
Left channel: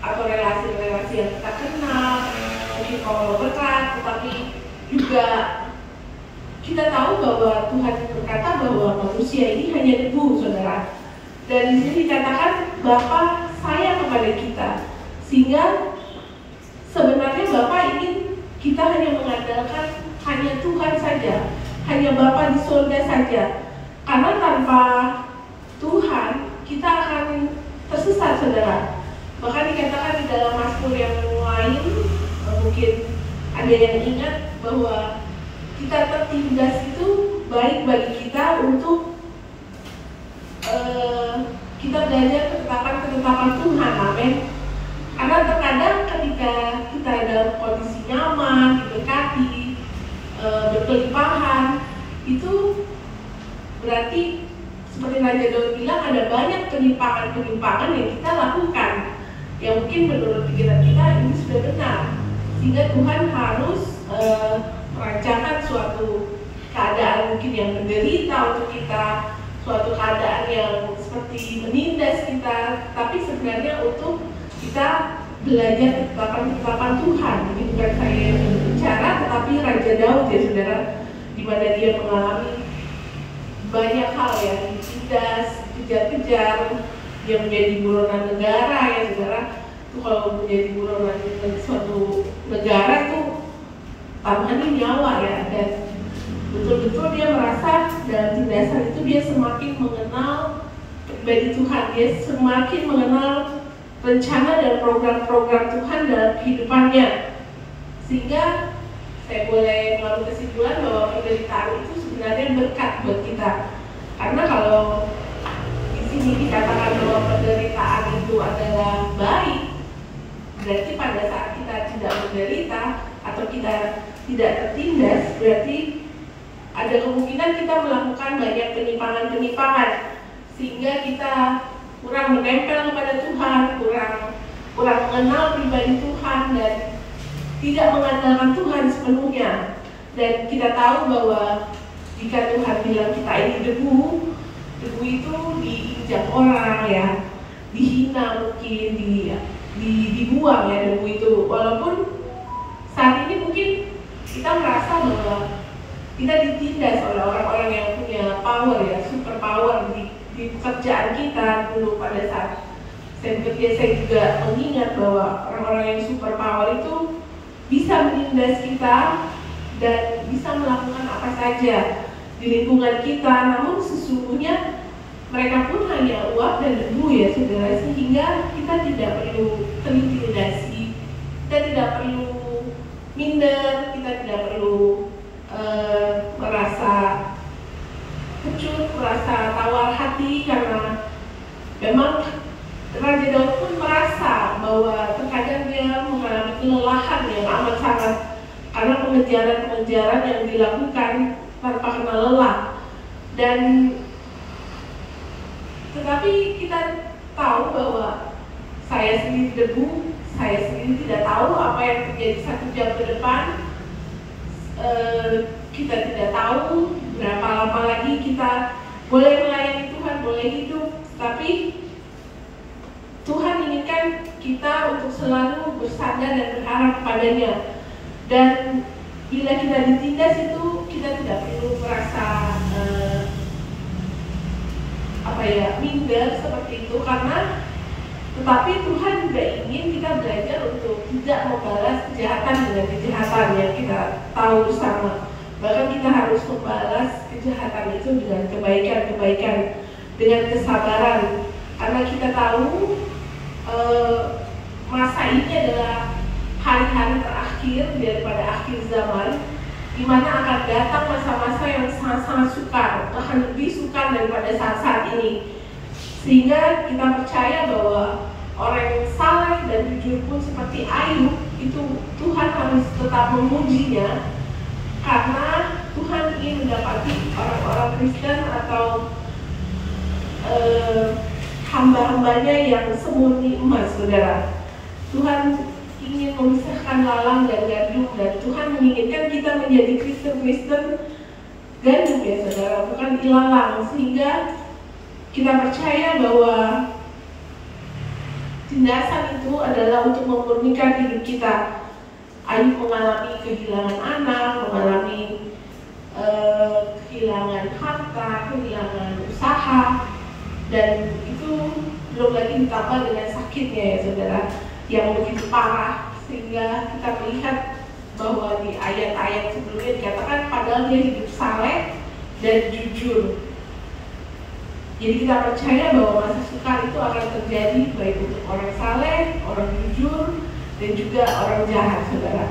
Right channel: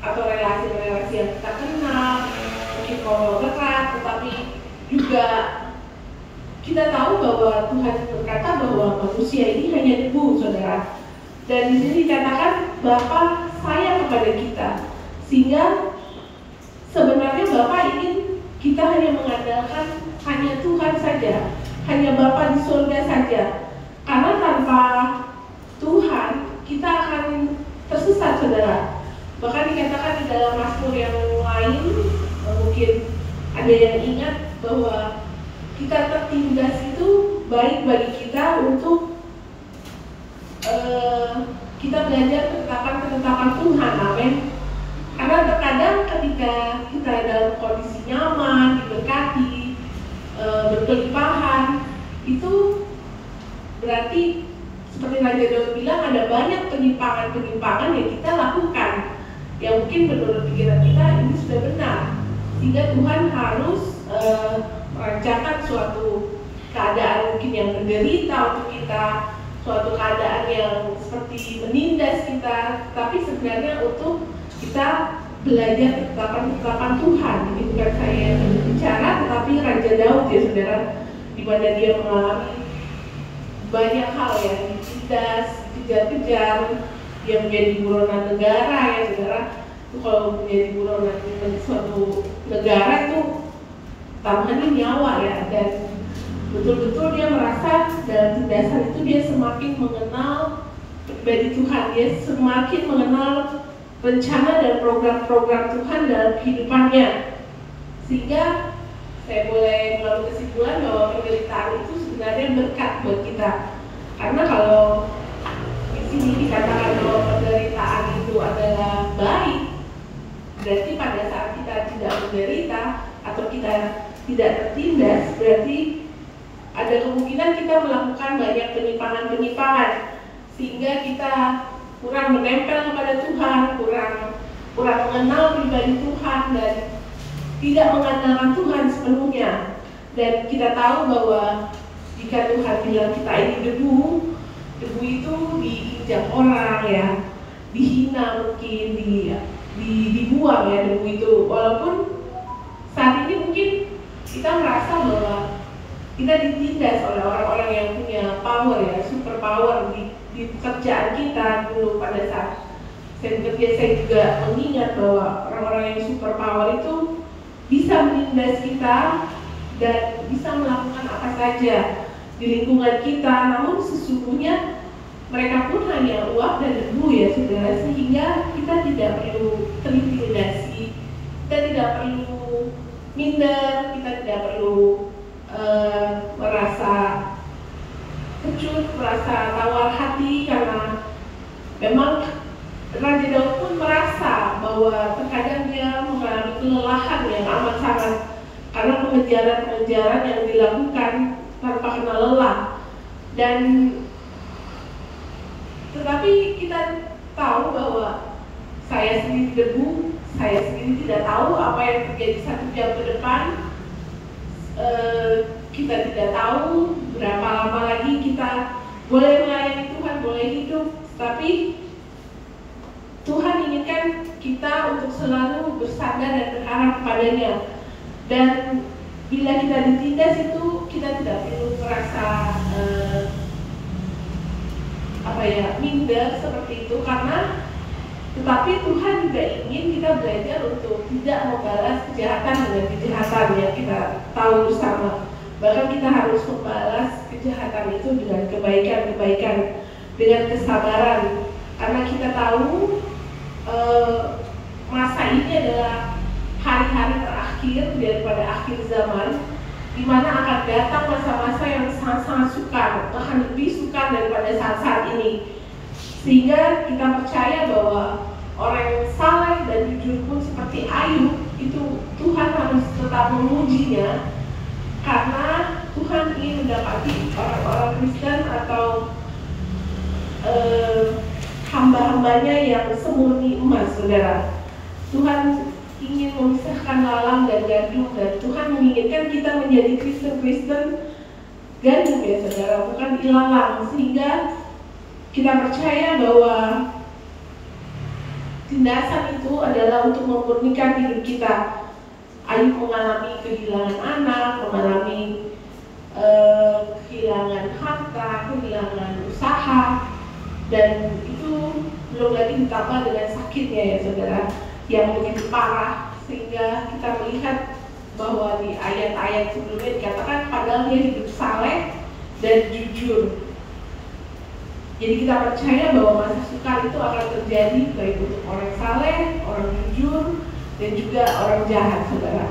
atau relasi-relasi yang kita kenal, mungkin kolaborat, tetapi juga kita tahu bahwa Tuhan berkata bahwa manusia ini hanya debu, saudara. Dan di sini dikatakan Bapa sayang kepada kita, sehingga sebenarnya Bapa ingin kita hanya mengandalkan hanya Tuhan saja, hanya Bapa di surga saja. Karena tanpa Tuhan kita akan tersesat, saudara. Bahkan dikatakan di dalam Mazmur yang lain, mungkin ada yang ingat bahwa kita tertindas itu baik bagi kita untuk kita belajar ketetapan Tuhan, amin. Karena terkadang ketika kita dalam kondisi nyaman, didekati, berkelimpahan, itu berarti seperti Raja Daud bilang ada banyak penyimpangan-penyimpangan yang kita lakukan, yang mungkin menurut pikiran kita ini sudah benar, sehingga Tuhan harus merancangkan suatu keadaan mungkin yang menderita untuk kita, suatu keadaan yang seperti menindas kita, tapi sebenarnya untuk kita belajar ketetapan Tuhan. Ini bukan saya yang berbicara, tetapi Raja Daud, ya saudara, di mana dia mengalami banyak hal yang ditindas, dikejar-kejar, dia menjadi buronan negara, ya saudara. Itu kalau menjadi buronan suatu negara itu taruhannya nyawa, ya. Dan betul-betul dia merasa dalam tindasan itu dia semakin mengenal pribadi Tuhan, dia semakin mengenal rencana dan program-program Tuhan dalam kehidupannya. Sehingga saya boleh mengambil kesimpulan bahwa penderitaan itu sebenarnya berkat buat kita. Karena kalau di sini dikatakan bahwa penderitaan itu adalah baik, berarti pada saat kita tidak menderita atau kita tidak tertindas, berarti ada kemungkinan kita melakukan banyak penyimpangan-penyimpangan, sehingga kita kurang menempel kepada Tuhan, kurang mengenal pribadi Tuhan, dan tidak mengandalkan Tuhan sepenuhnya. Dan kita tahu bahwa jika Tuhan bilang kita ini debu itu diinjak orang, ya, dihina mungkin, dibuang, ya, debu itu. Walaupun mungkin kita merasa bahwa kita ditindas oleh orang-orang yang punya power ya, super power di pekerjaan kita dulu pada saat saya bekerja. Saya juga mengingat bahwa orang-orang yang super power itu bisa menindas kita dan bisa melakukan apa saja di lingkungan kita, namun sesungguhnya mereka pun hanya uap dan debu ya saudara, sehingga kita tidak perlu terintimidasi, kita tidak perlu minder, kita tidak perlu merasa kecut, merasa tawar hati, karena memang Raja Daud pun merasa bahwa terkadang dia mengalami kelelahan yang amat sangat karena pengejaran-pengejaran yang dilakukan tanpa kenal lelah. Dan tetapi kita tahu bahwa saya sendiri debu, saya sendiri tidak tahu apa yang terjadi 1 jam ke depan. Kita tidak tahu berapa lama lagi kita boleh melayani Tuhan, boleh hidup, tapi Tuhan inginkan kita untuk selalu bersandar dan berharap kepadanya. Dan bila kita ditindas itu kita tidak perlu merasa minder seperti itu, karena tetapi Tuhan juga ingin kita belajar untuk tidak membalas kejahatan dengan kejahatan yang kita tahu bersama. Bahkan kita harus membalas kejahatan itu dengan kebaikan-kebaikan, dengan kesabaran, karena kita tahu masa ini adalah hari-hari terakhir daripada akhir zaman, di mana akan datang masa-masa yang sangat-sangat sukar, akan lebih sukar daripada saat-saat ini. Sehingga kita percaya bahwa orang yang saleh dan jujur pun seperti Ayub itu Tuhan harus tetap memujinya, karena Tuhan ingin mendapati orang-orang Kristen atau hamba-hambanya yang semurni emas, saudara. Tuhan ingin memisahkan lalang dan gandum, dan Tuhan menginginkan kita menjadi Kristen-Kristen gandum ya saudara, bukan ilalang. Sehingga kita percaya bahwa tindasan itu adalah untuk memurnikan hidup kita. Ayub mengalami kehilangan anak, mengalami kehilangan harta, kehilangan usaha, dan itu belum lagi ditambah dengan sakitnya ya saudara, yang begitu parah, sehingga kita melihat bahwa di ayat-ayat sebelumnya dikatakan padahal dia hidup saleh dan jujur. Jadi kita percaya bahwa masa sukar itu akan terjadi baik untuk orang saleh, orang jujur, dan juga orang jahat, saudara.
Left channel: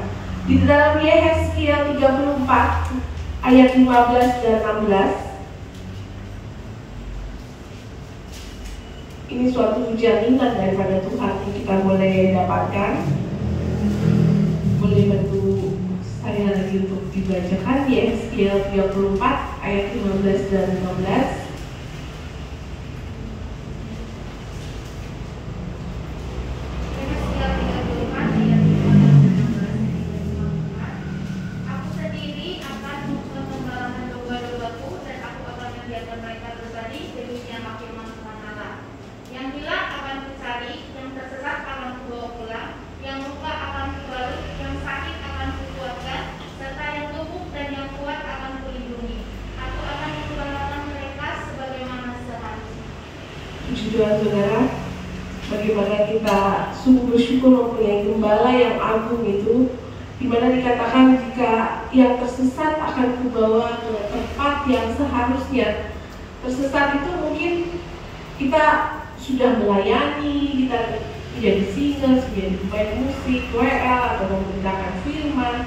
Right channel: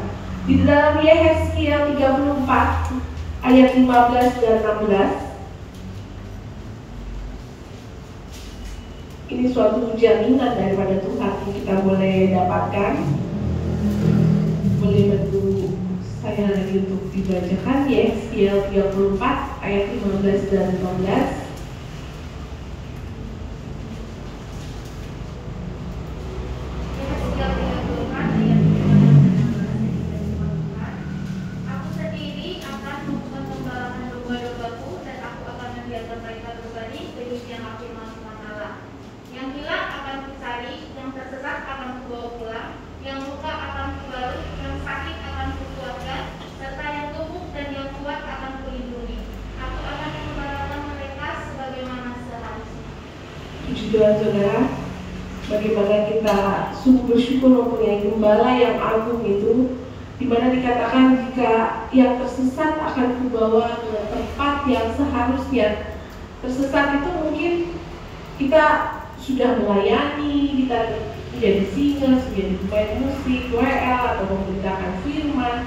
Di dalam Yehezkiel 34 ayat 15 dan 16, ini suatu jaminan daripada Tuhan yang kita boleh dapatkan. Boleh bantu saya lagi untuk dibacakan Yehezkiel 34 ayat 15 dan 16. Saudara, bagaimana kita sungguh bersyukur mempunyai gembala yang agung itu, di mana dikatakan jika yang tersesat akan kubawa ke tempat yang seharusnya. Tersesat itu mungkin kita sudah melayani, kita menjadi singers, menjadi pemain musik, WL, atau memberitakan firman,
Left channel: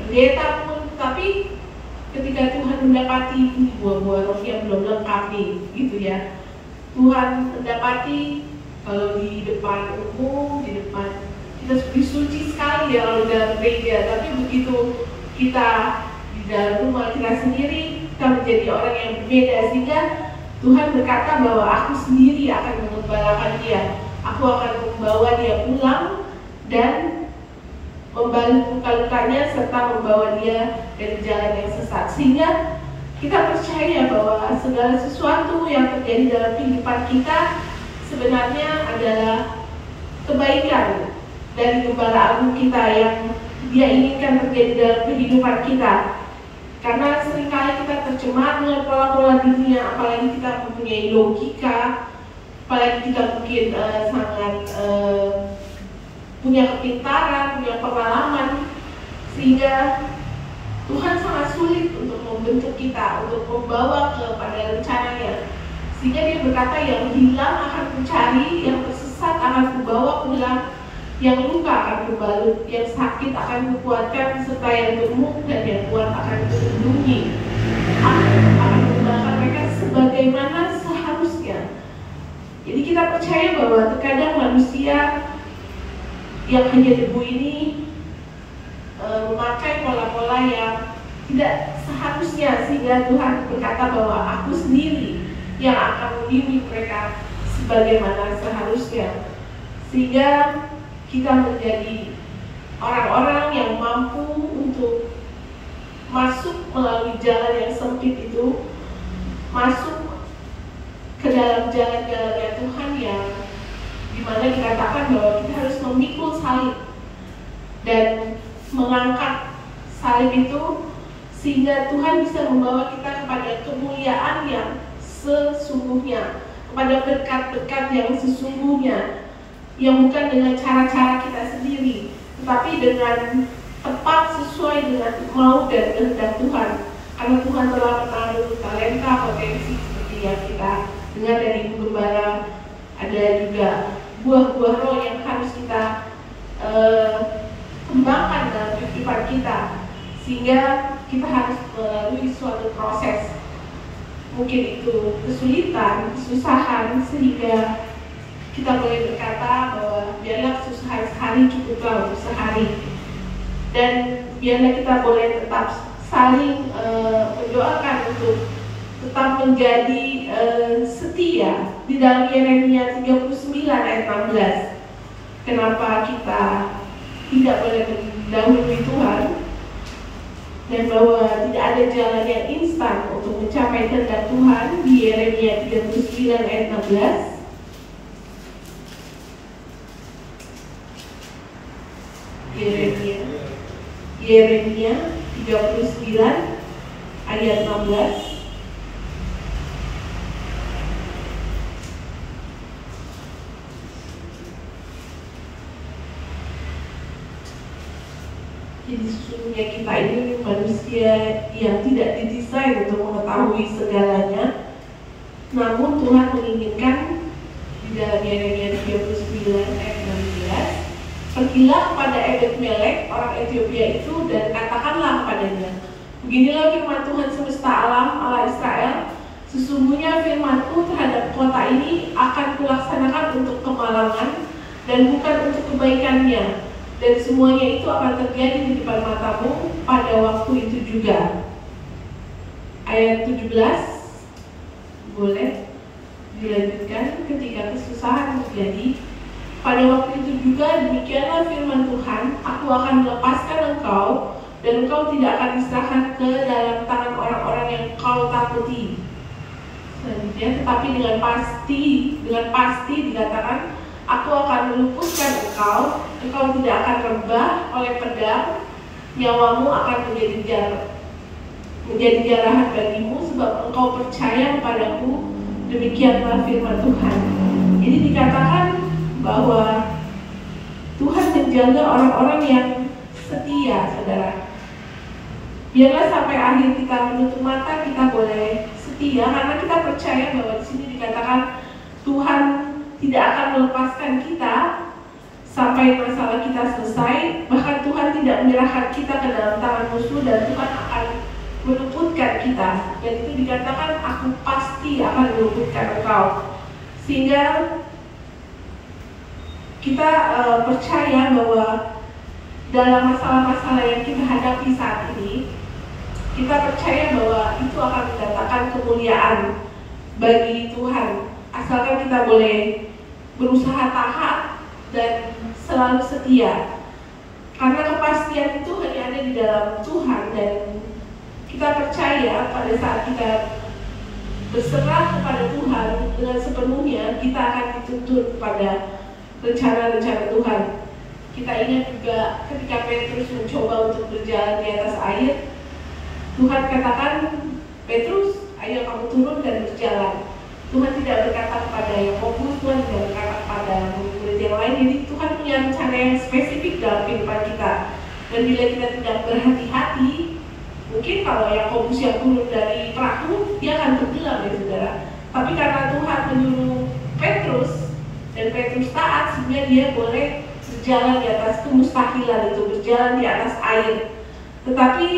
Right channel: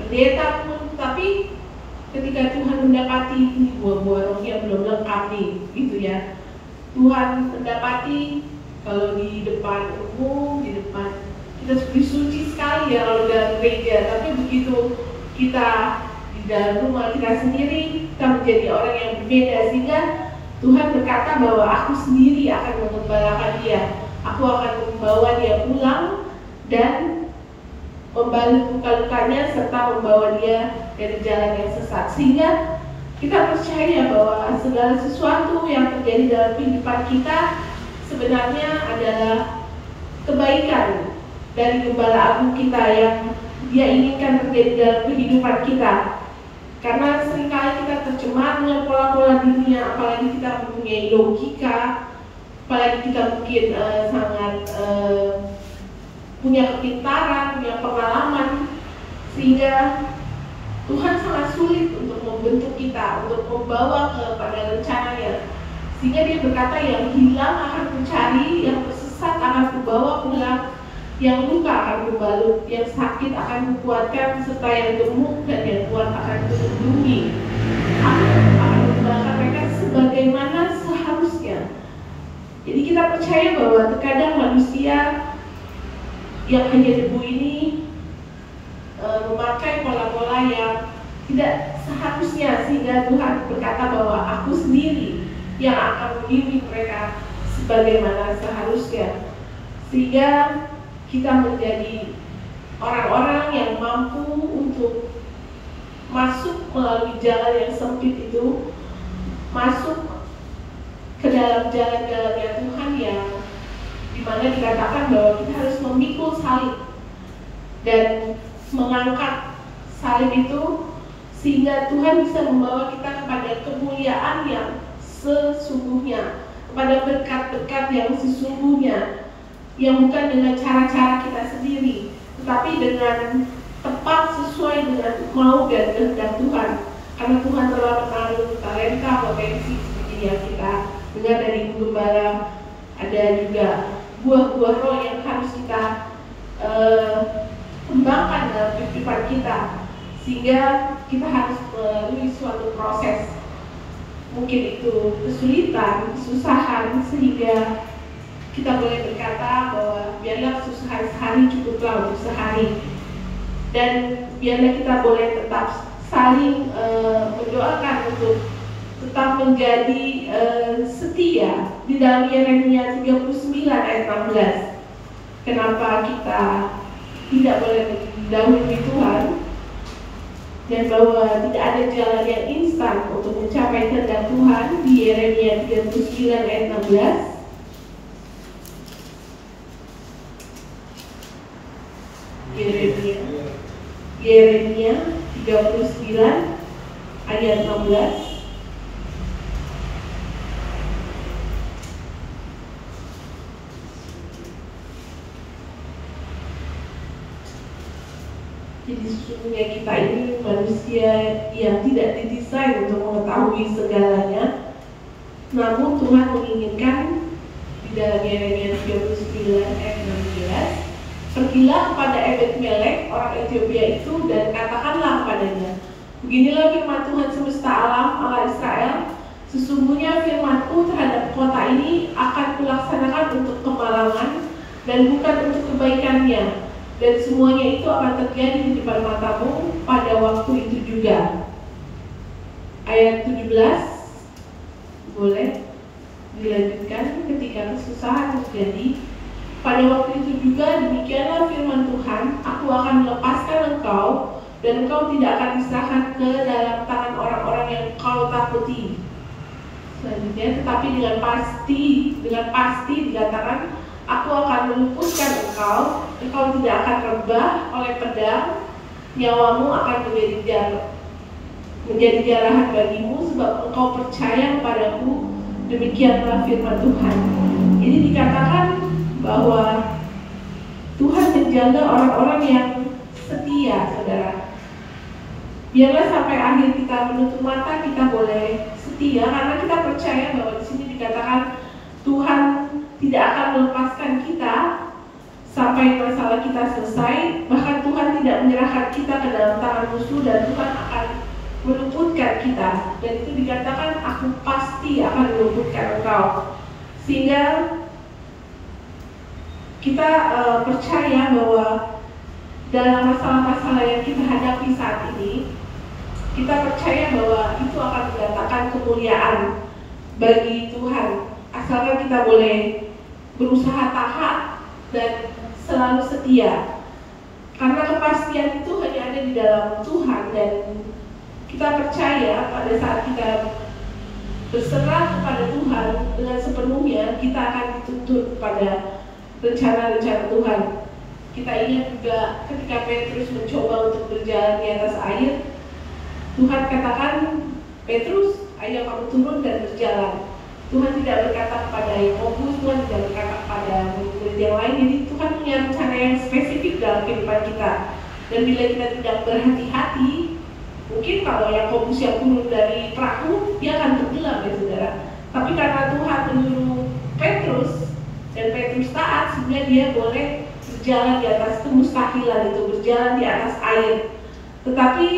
pendeta pun, tapi ketika Tuhan mendapati ini buah-buah roh yang belum lengkap nih, gitu ya. Tuhan mendapati kalau di depan umum, di depan kita disuci sekali ya kalau dalam gereja, tapi begitu kita di dalam rumah kita sendiri, kita menjadi orang yang berbeda. Sehingga Tuhan berkata bahwa aku sendiri akan mengembalakan dia, aku akan membawa dia pulang dan membalik luka-lukanya serta membawa dia dari jalan yang sesat. Sehingga kita percaya bahwa segala sesuatu yang terjadi dalam kehidupan kita sebenarnya adalah kebaikan dari Gembala Agung kita yang Dia inginkan terjadi dalam kehidupan kita. Karena seringkali kita tercemar dengan pola-pola dunia, apalagi kita mempunyai logika, apalagi kita mungkin sangat punya kepintaran, punya pengalaman, sehingga Tuhan sangat sulit untuk membentuk kita, untuk membawa kepada rencananya. Sehingga dia berkata, yang hilang akan kucari, yang tersesat akan kubawa pulang, yang luka akan kubalut, yang sakit akan kukuatkan, serta yang gemuk dan yang kuat akan kulindungi. Akan menggunakan mereka sebagaimana seharusnya. Jadi kita percaya bahwa terkadang manusia yang hanya debu ini memakai pola-pola yang tidak seharusnya, sehingga Tuhan berkata bahwa aku sendiri yang akan membimbing mereka sebagaimana seharusnya, sehingga kita menjadi orang-orang yang mampu untuk masuk melalui jalan yang sempit itu, masuk ke dalam jalan-jalannya Tuhan yang dimana dikatakan bahwa kita harus memikul salib dan mengangkat salib itu, sehingga Tuhan bisa membawa kita kepada kemuliaan yang sesungguhnya, kepada berkat-berkat yang sesungguhnya, yang bukan dengan cara-cara kita sendiri, tetapi dengan tepat sesuai dengan mau dan kehendak Tuhan. Karena Tuhan telah menaruh talenta, potensi seperti yang kita dengar dari Ibu Gembala, ada juga buah-buah roh yang harus kita kembangkan dalam kehidupan kita, sehingga kita harus melalui suatu proses, mungkin itu kesulitan, kesusahan, sehingga kita boleh berkata bahwa biarlah kesusahan sehari cukuplah untuk sehari, dan biarlah kita boleh tetap saling mendoakan untuk tetap menjadi setia di dalam Yeremia 39 ayat 16. Kenapa kita tidak boleh mendahului Tuhan, dan bahwa tidak ada jalan yang instan untuk mencapai kehendak Tuhan di Yeremia 39 ayat 16. Yeremia 39 ayat 16. Jadi sesungguhnya kita ini manusia yang tidak didesain untuk mengetahui segalanya, namun Tuhan menginginkan di dalam Yeremia 39 ayat 16, pergilah kepada Ebed-Melek orang Ethiopia itu dan katakanlah padanya, beginilah firman Tuhan semesta alam Allah Israel, sesungguhnya firman-Ku terhadap kota ini akan kulaksanakan untuk kemalangan dan bukan untuk kebaikannya, dan semuanya itu akan terjadi di depan matamu pada waktu itu juga. Ayat 17 boleh dilanjutkan. Ketika kesusahan terjadi pada waktu itu juga, demikianlah firman Tuhan, aku akan melepaskan engkau dan engkau tidak akan diserahkan ke dalam tangan orang-orang yang kau takuti. Selanjutnya, tetapi dengan pasti dikatakan, aku akan melumpuhkan engkau, engkau tidak akan rebah oleh pedang, nyawamu akan menjadi jarahan bagimu, sebab engkau percaya kepadaku. Demikianlah firman Tuhan. Ini dikatakan bahwa Tuhan menjaga orang-orang yang setia, saudara. Biarlah sampai akhir kita menutup mata kita boleh setia, karena kita percaya bahwa di sini dikatakan Tuhan tidak akan melepaskan kita sampai masalah kita selesai. Bahkan Tuhan tidak menyerahkan kita ke dalam tangan musuh, dan Tuhan akan meluputkan kita. Dan itu dikatakan, aku pasti akan meluputkan engkau. Sehingga kita percaya bahwa dalam masalah-masalah yang kita hadapi saat ini, kita percaya bahwa itu akan mendatangkan kemuliaan bagi Tuhan, asalkan kita boleh berusaha taat dan selalu setia. Karena kepastian itu hanya ada di dalam Tuhan, dan kita percaya pada saat kita berserah kepada Tuhan dengan sepenuhnya, kita akan dituntut pada rencana-rencana Tuhan. kita ingat juga ketika Petrus mencoba untuk berjalan di atas air, Tuhan katakan, Petrus, ayo kamu turun dan berjalan. Tuhan tidak berkata kepada Yakobus, Tuhan tidak berkata kepada murid yang lain. Jadi Tuhan punya rencana yang spesifik dalam kehidupan kita. Dan bila kita tidak berhati-hati, mungkin kalau Yakobus yang turun dari perahu, dia akan tenggelam ya saudara. Tapi karena Tuhan menyuruh Petrus, dan Petrus taat, sehingga dia boleh berjalan di atas kemustahilan itu, berjalan di atas air. Tetapi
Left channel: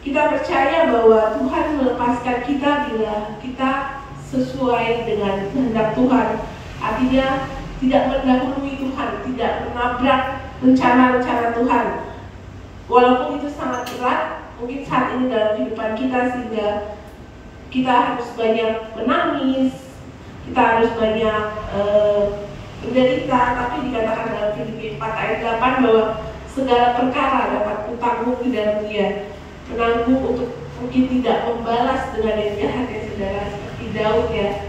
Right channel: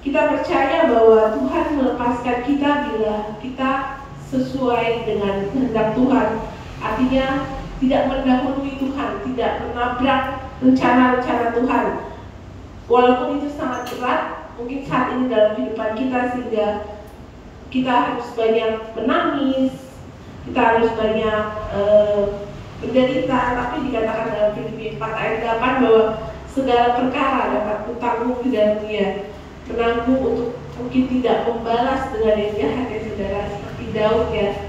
kita percaya bahwa Tuhan melepaskan kita bila kita sesuai dengan kehendak Tuhan. Artinya tidak mendahului Tuhan, tidak menabrak rencana-rencana Tuhan. Walaupun itu sangat berat, mungkin saat ini dalam kehidupan kita, sehingga kita harus banyak menangis, kita harus banyak menderita, tapi dikatakan dalam Filipi 4 ayat 8 bahwa segala perkara dapat kutanggung di dalam Dia. Menanggung untuk mungkin tidak membalas dengan yang jahat ya saudara, seperti Daud ya,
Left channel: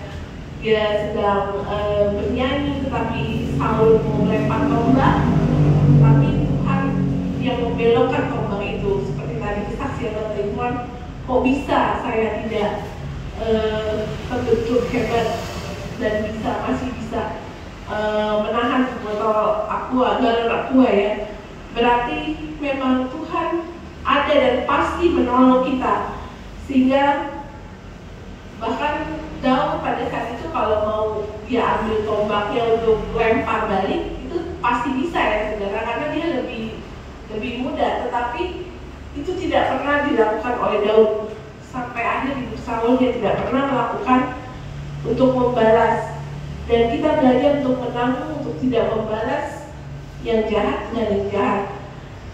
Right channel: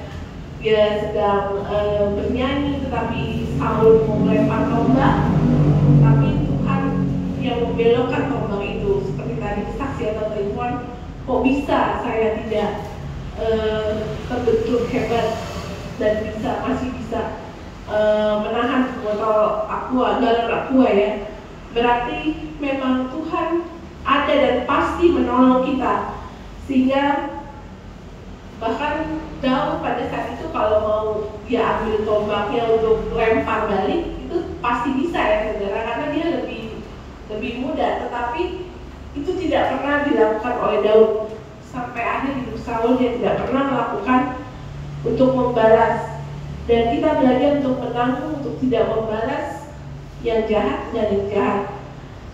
dia sedang bernyanyi tetapi Saul mau melempar tombak, tapi Tuhan yang membelokkan tombak itu. Seperti tadi kesaksian teman-teman, kok bisa saya tidak terbentuk hebat dan masih bisa menahan botol aqua, galon aqua ya. Berarti memang Tuhan ada dan pasti menolong kita, sehingga bahkan Daud pada saat itu kalau mau dia ambil tombaknya untuk lempar balik itu pasti bisa ya saudara, karena dia lebih muda. Tetapi itu tidak pernah dilakukan oleh Daud. Sampai akhir hidup Saul dia tidak pernah melakukan untuk membalas. Dan kita belajar untuk menanggung, untuk tidak membalas yang jahat dan yang jahat.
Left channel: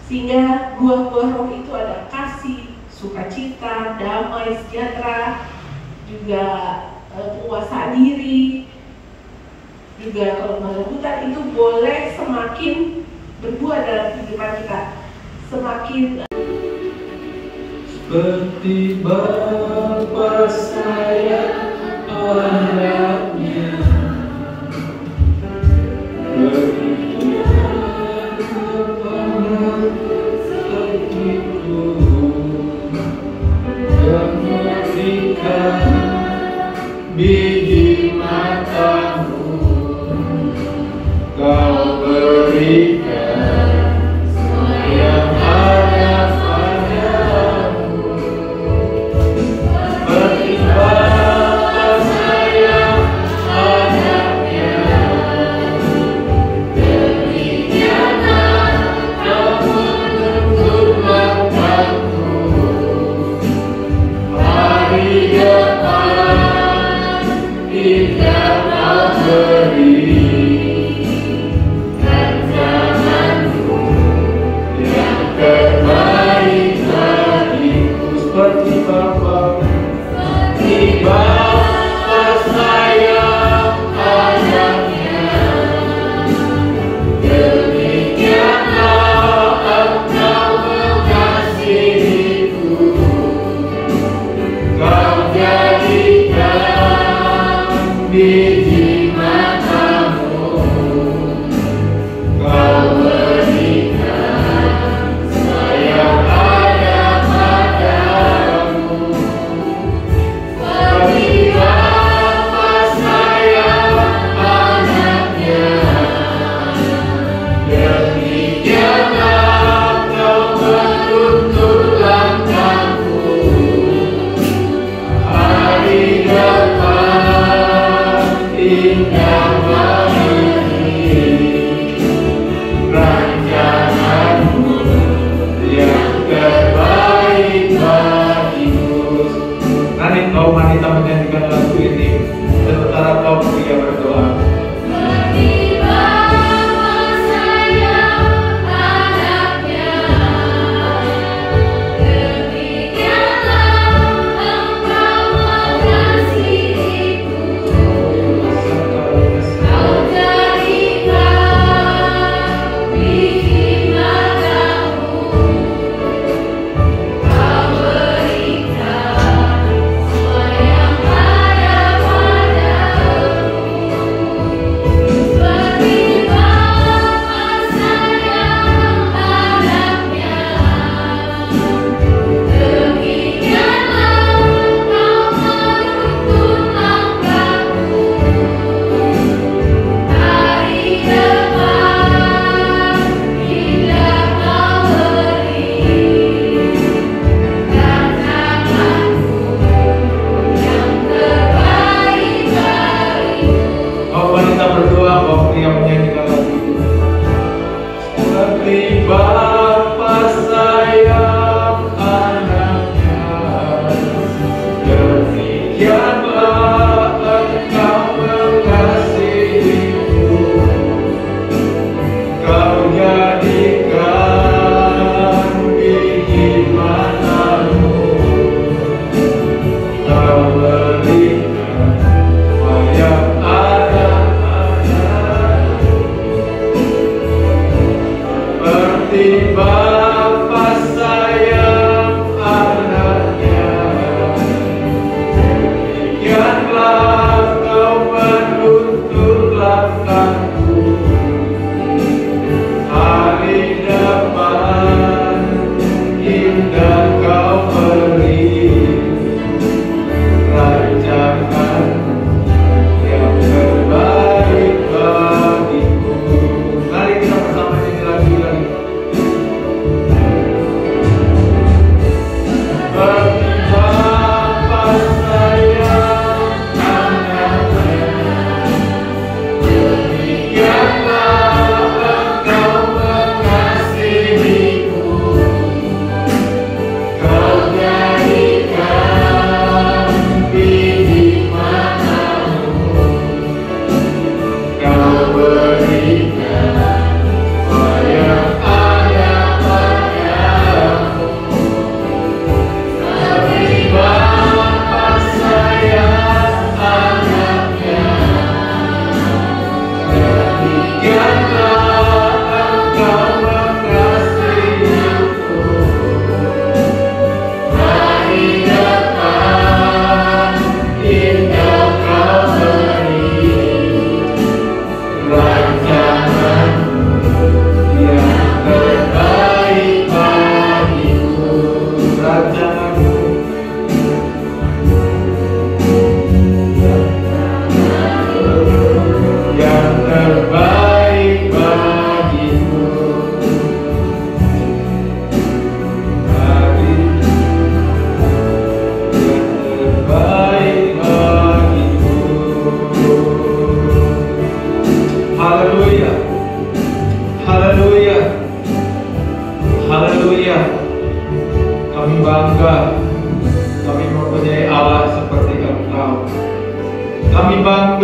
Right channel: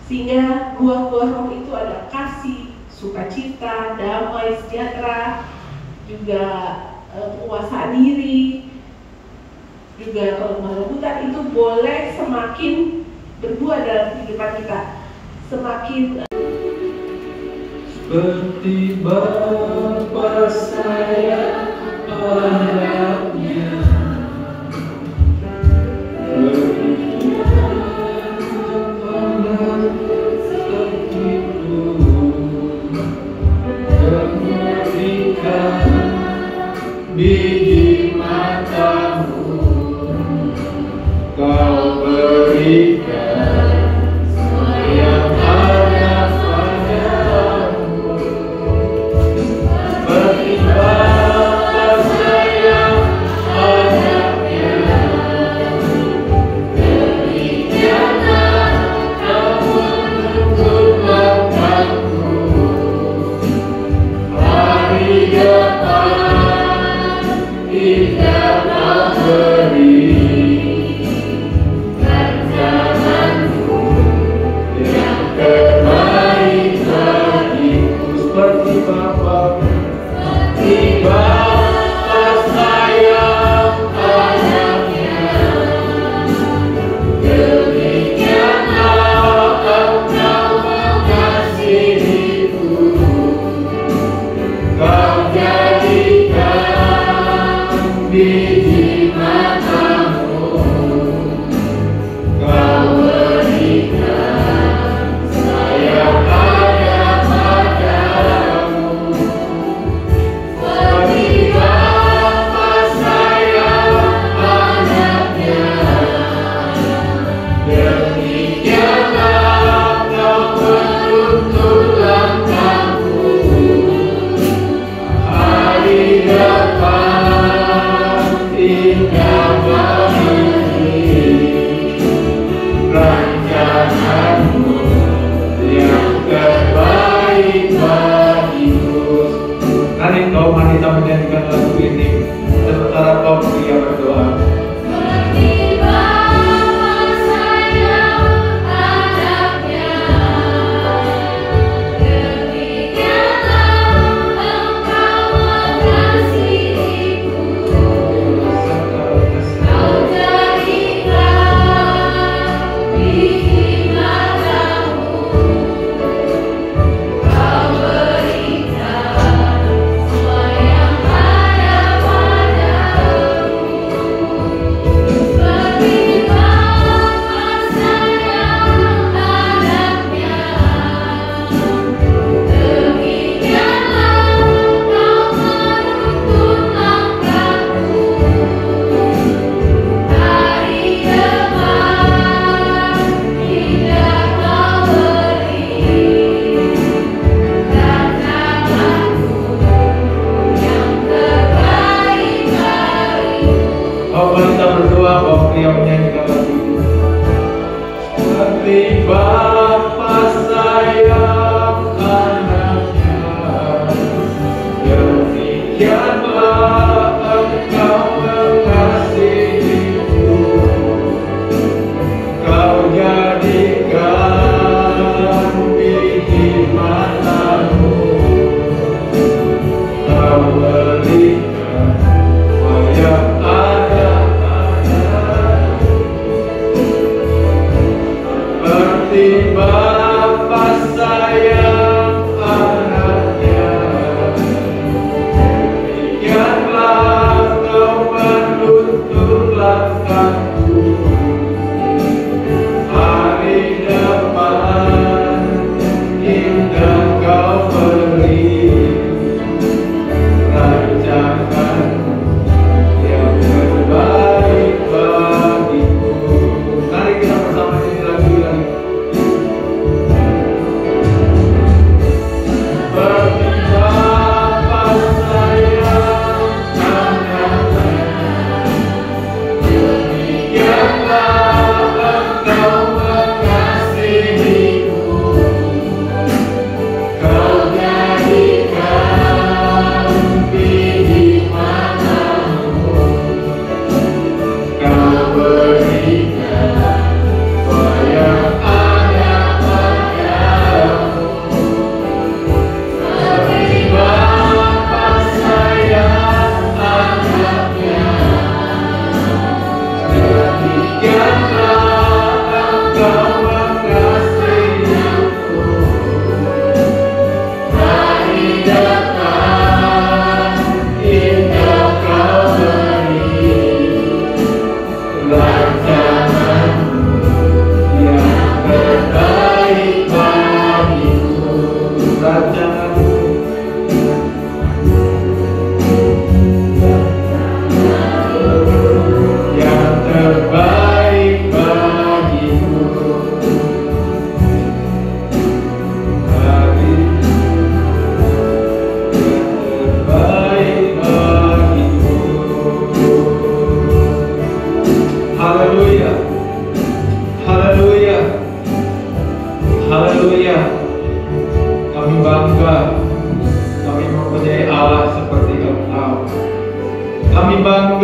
Sehingga buah-buah roh itu ada kasih, sukacita, damai, sejahtera, juga penguasaan diri, juga kelemah lembutan, itu boleh semakin berbuah dalam kehidupan kita, semakin seperti Bapa saya anaknya. Biji matamu kau berikan, saya harap padamu. Seperti Bapa saya anaknya, demikianlah kamu menunggu matamu. Hari depan kita mau beri rencana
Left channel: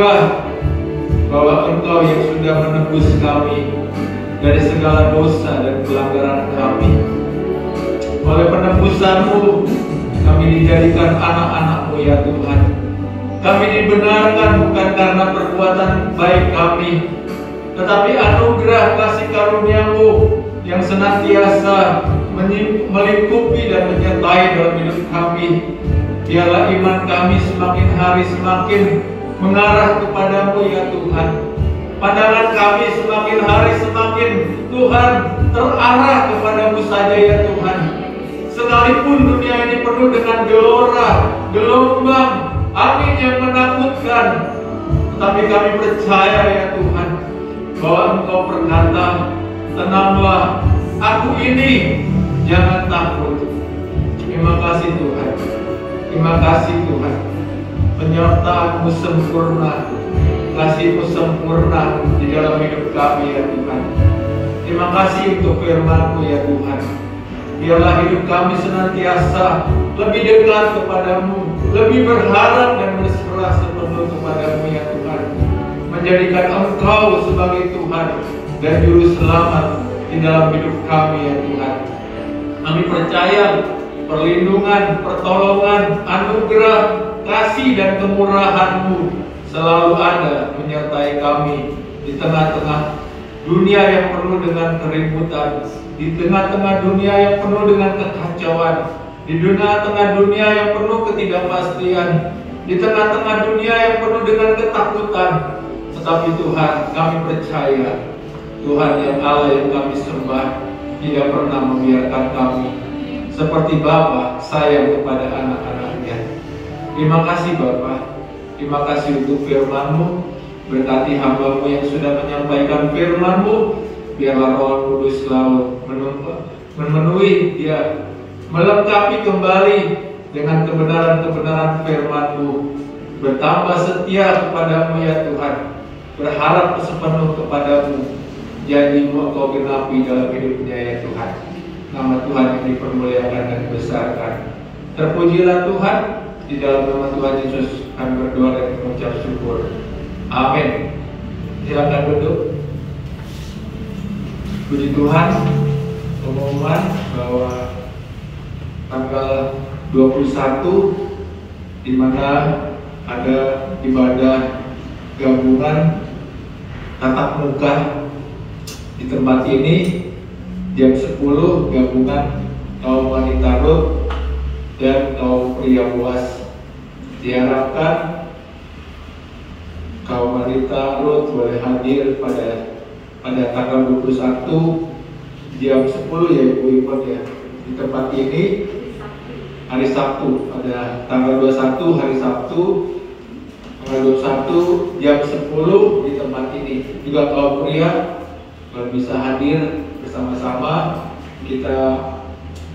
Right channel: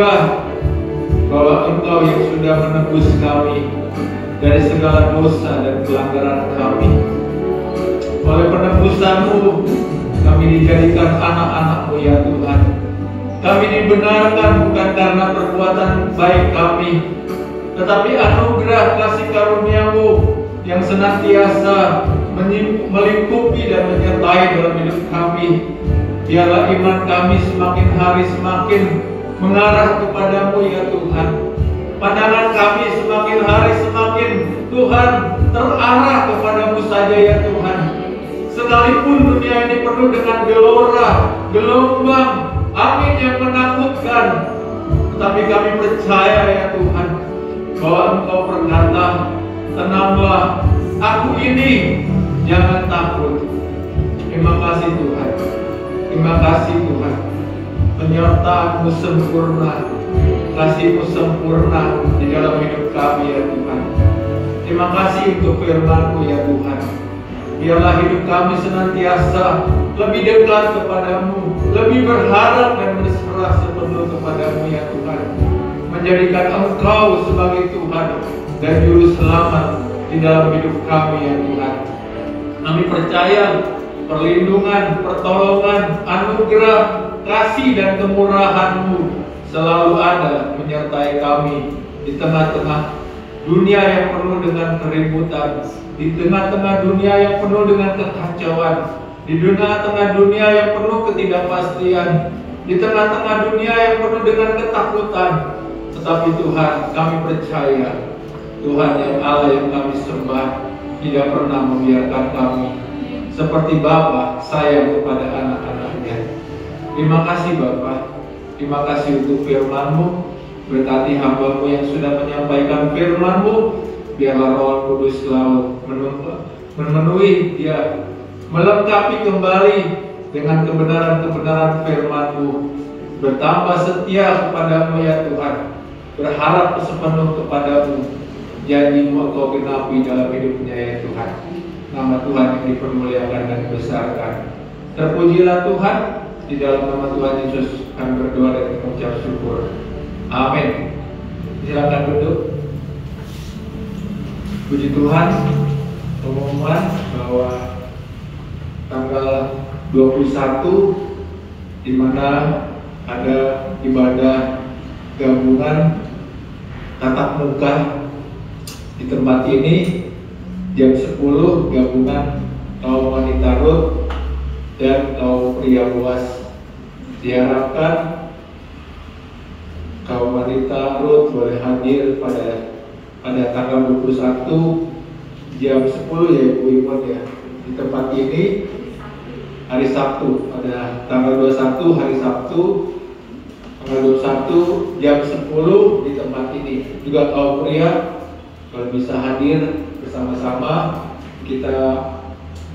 bangga bahwa Engkau yang sudah menebus kami dari segala dosa dan pelanggaran kami. Oleh penebusan-Mu, kami dijadikan anak-anak-Mu ya Tuhan. Kami dibenarkan bukan karena perbuatan baik kami, tetapi anugerah kasih karunia-Mu yang senantiasa melingkupi dan menyertai dalam hidup kami. Biarlah iman kami semakin hari semakin mengarah kepadamu ya Tuhan. Pandangan kami semakin hari semakin Tuhan terarah kepadamu saja ya Tuhan. Sekalipun dunia ini penuh dengan gelora, gelombang, angin yang menakutkan, tetapi kami percaya ya Tuhan bahwa Engkau berkata, tenanglah, aku ini, jangan takut. Terima kasih Tuhan. Terima kasih Tuhan. Penyertaan-Mu sempurna, kasih-Mu sempurna di dalam hidup kami ya Tuhan. Terima kasih untuk firman-Mu ya Tuhan. Biarlah hidup kami senantiasa lebih dekat kepadamu, lebih berharap dan berserah sepenuh kepadamu ya Tuhan. Menjadikan Engkau sebagai Tuhan dan Juru Selamat di dalam hidup kami ya Tuhan. Kami percaya perlindungan, pertolongan, anugerah, kasih dan kemurahan-Mu selalu ada menyertai kami di tengah-tengah dunia yang penuh dengan keributan, di tengah-tengah dunia yang penuh dengan kekacauan, di tengah-tengah dunia yang penuh ketidakpastian, di tengah-tengah dunia yang penuh dengan ketakutan. Tetapi Tuhan, kami percaya Tuhan yang Allah yang kami sembah tidak pernah membiarkan kami seperti Bapa sayang kepada anak-anaknya. Terima kasih Bapa, terima kasih untuk firman-Mu. Berkati hamba-Mu yang sudah menyampaikan firman-Mu. Biarlah Roh Kudus selalu memenuhi dia, melengkapi kembali dengan kebenaran-kebenaran firman-Mu. Bertambah setia kepadamu ya Tuhan, berharap sepenuh kepadamu. Janji-Mu Engkau genapi dalam hidupnya ya Tuhan. Nama Tuhan yang dipermuliakan dan dibesarkan. Terpujilah Tuhan. Di dalam nama Tuhan Yesus kami berdoa dan mengucap syukur. Amin. Silakan duduk. Puji Tuhan, pengumuman bahwa tanggal 21 di mana ada ibadah gabungan tatap muka di tempat ini jam 10 gabungan kaum wanita Rut dan kaum pria Boas. Diharapkan kaum wanita Rut boleh hadir pada tanggal 21 jam 10 ya Ibu Ipon ya, di tempat ini hari Sabtu, pada tanggal 21 hari Sabtu tanggal 21 jam 10 di tempat ini. Juga kaum pria kalau bisa hadir bersama-sama kita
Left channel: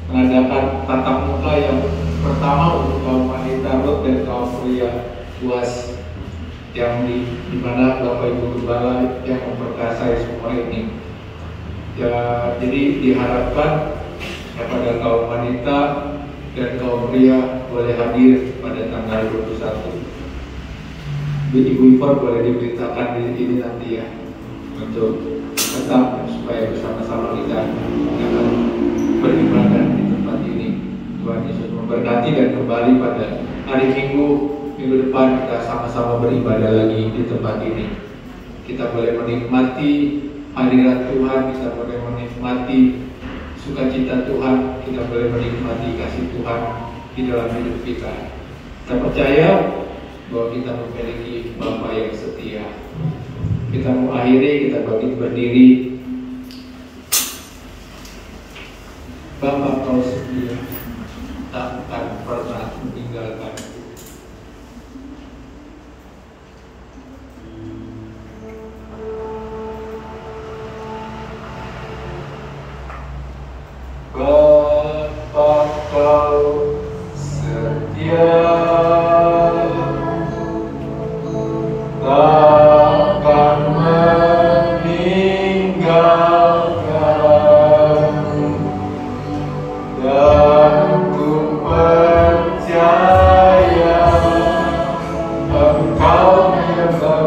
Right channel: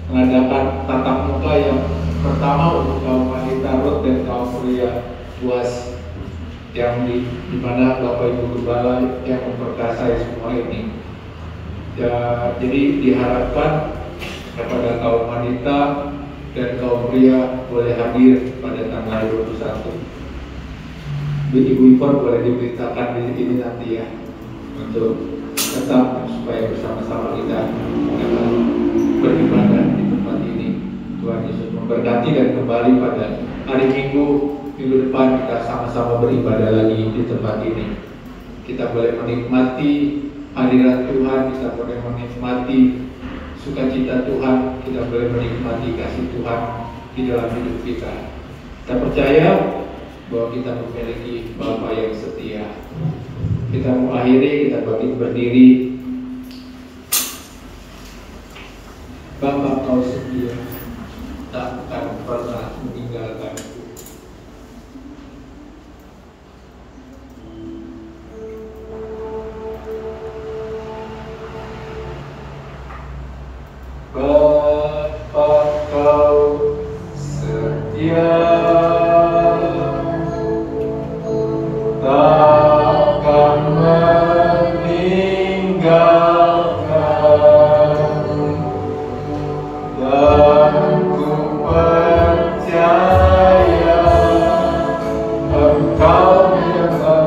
mengadakan tatap muka yang pertama untuk kaum wanita Rut dan kaum pria Boas yang di mana Bapak Ibu Gembala yang memperkasai semua ini. Ya, jadi diharapkan kepada kaum wanita dan kaum pria boleh hadir pada tanggal 21. Ibu Ipon boleh diberitakan di sini nanti ya, untuk tetap supaya bersama-sama kita beribadah di tempat ini. Tuhan Yesus memberkati dan kembali pada hari Minggu depan kita sama-sama beribadah lagi di tempat ini. Kita boleh menikmati hadirat Tuhan, kita boleh menikmati sukacita Tuhan, kita boleh menikmati kasih Tuhan di dalam hidup kita. Kita percaya bahwa kita memiliki Bapa yang setia. Kita mengakhiri, kita berdiri. Bapa Kau setia, takkan pernah meninggalkan. Bapa Kau setia, takkan meninggalkan, dan ku percaya Engkau memang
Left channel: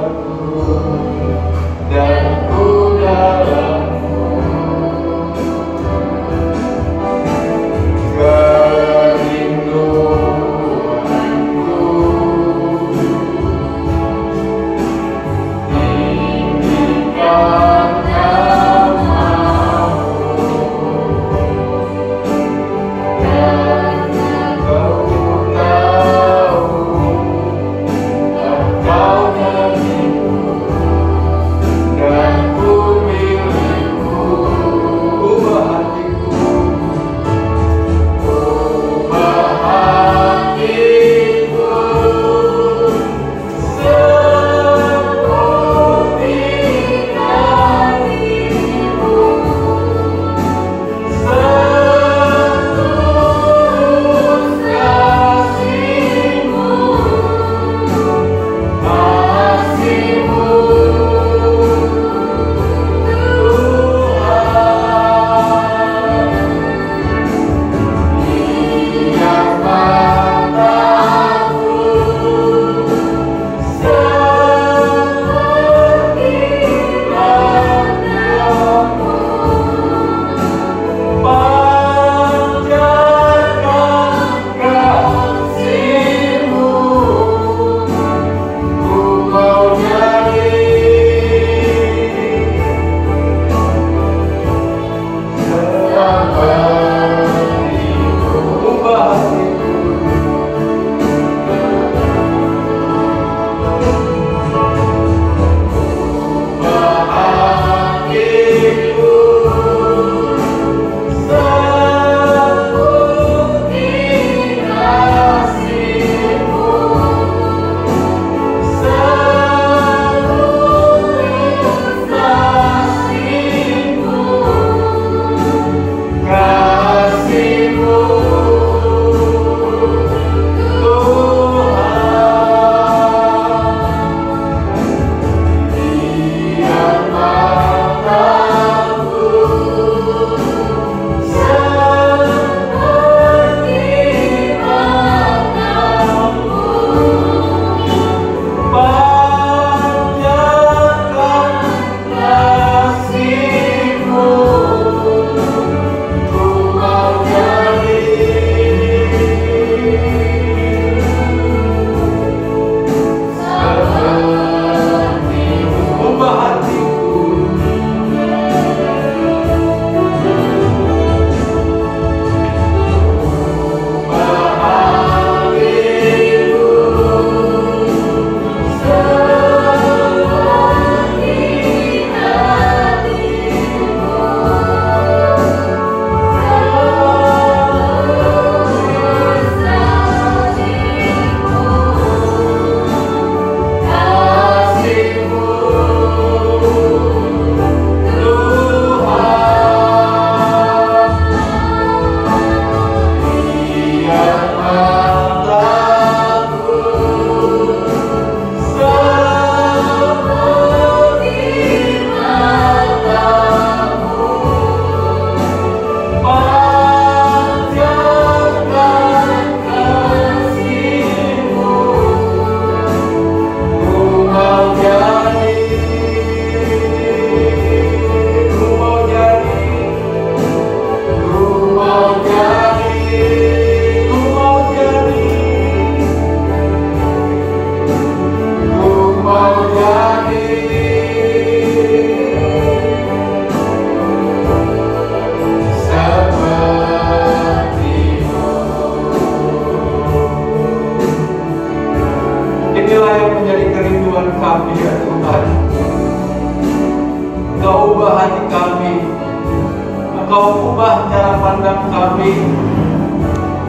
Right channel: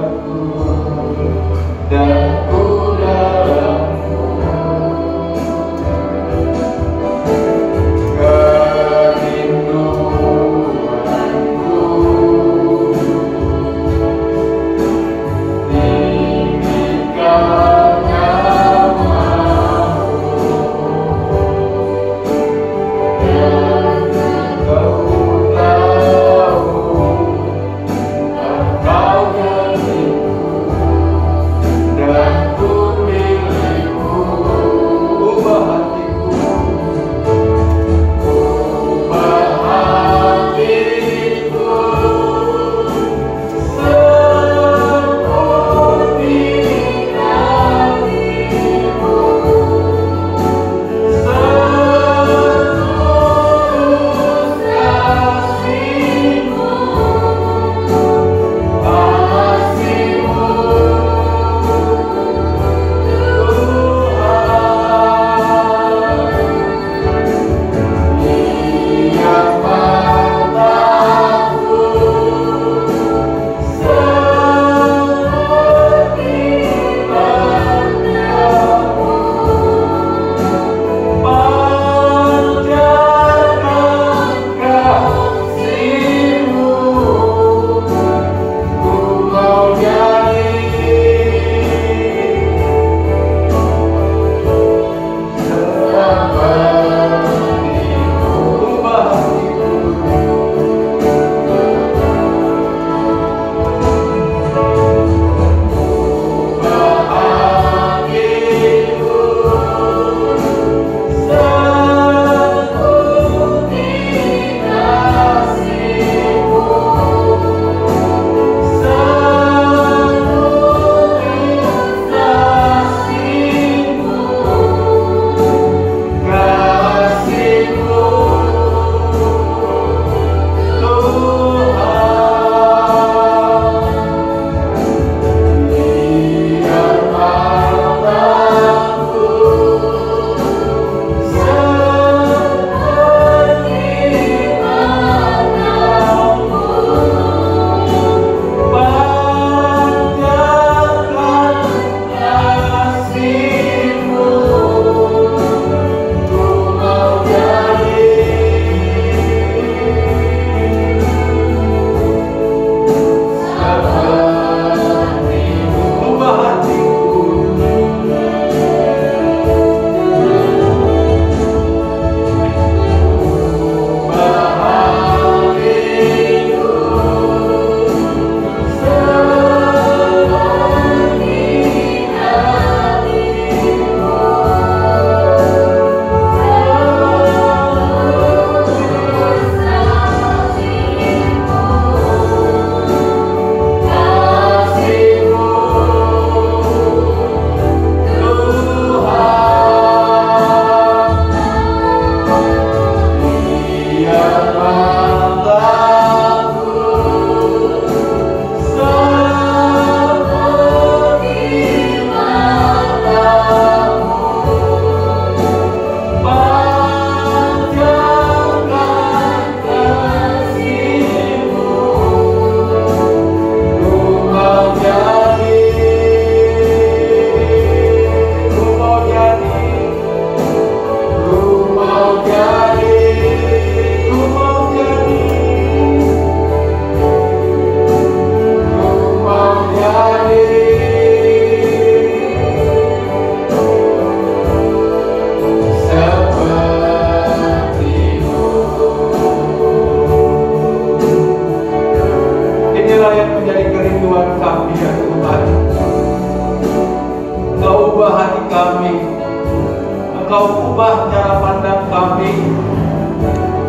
Engkau ubah cara pandang kami.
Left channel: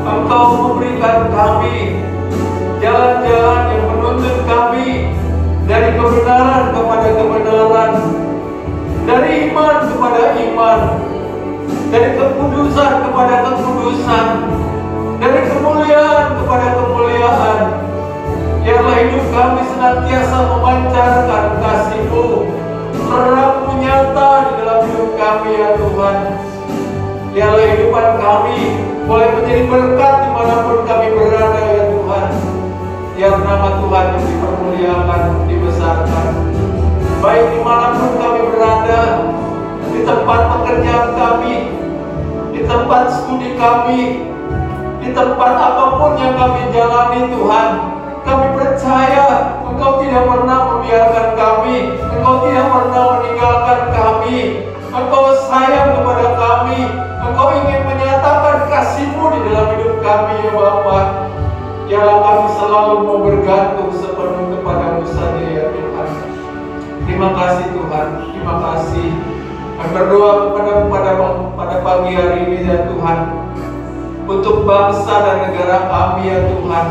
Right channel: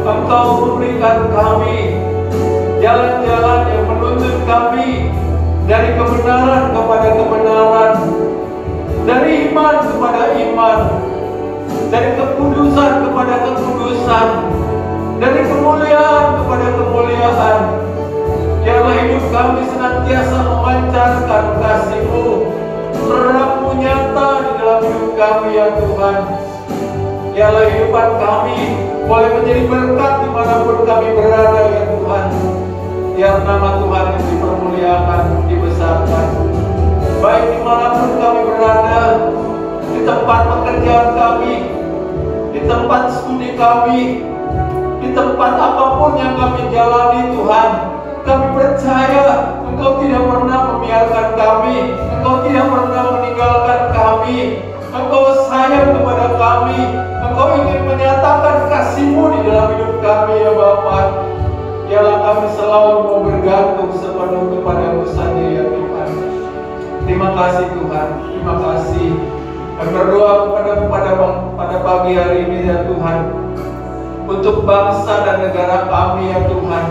Engkau memberikan kami jalan-jalan yang menuntun kami dari kebenaran kepada kebenaran, dari iman kepada iman, dari kekudusan kepada kekudusan, dari kemuliaan kepada kemuliaan. Biarlah hidup kami senantiasa memancarkan kasih-Mu, terang-Mu nyata di dalam hidup kami ya Tuhan. Biarlah hidupan kami boleh menjadi berkat dimanapun kami berada ya Tuhan. Biar nama Tuhan yang dipermuliakan, dibesarkan. Baik dimanapun kami berada, di tempat pekerjaan kami, di tempat studi kami, di tempat apapun yang kami jalani Tuhan, kami percaya Engkau tidak pernah membiarkan kami, Engkau tidak pernah meninggalkan kami, Engkau sayang kepada kami, Engkau ingin menyatakan kasih-Mu di dalam hidup kami ya Bapa. Biarlah kami selalu mau bergantung sepenuh kepada-Mu saja ya Tuhan. Terima kasih Tuhan, terima kasih. Kami berdoa pada pagi hari ini ya Tuhan, untuk bangsa dan negara kami ya Tuhan.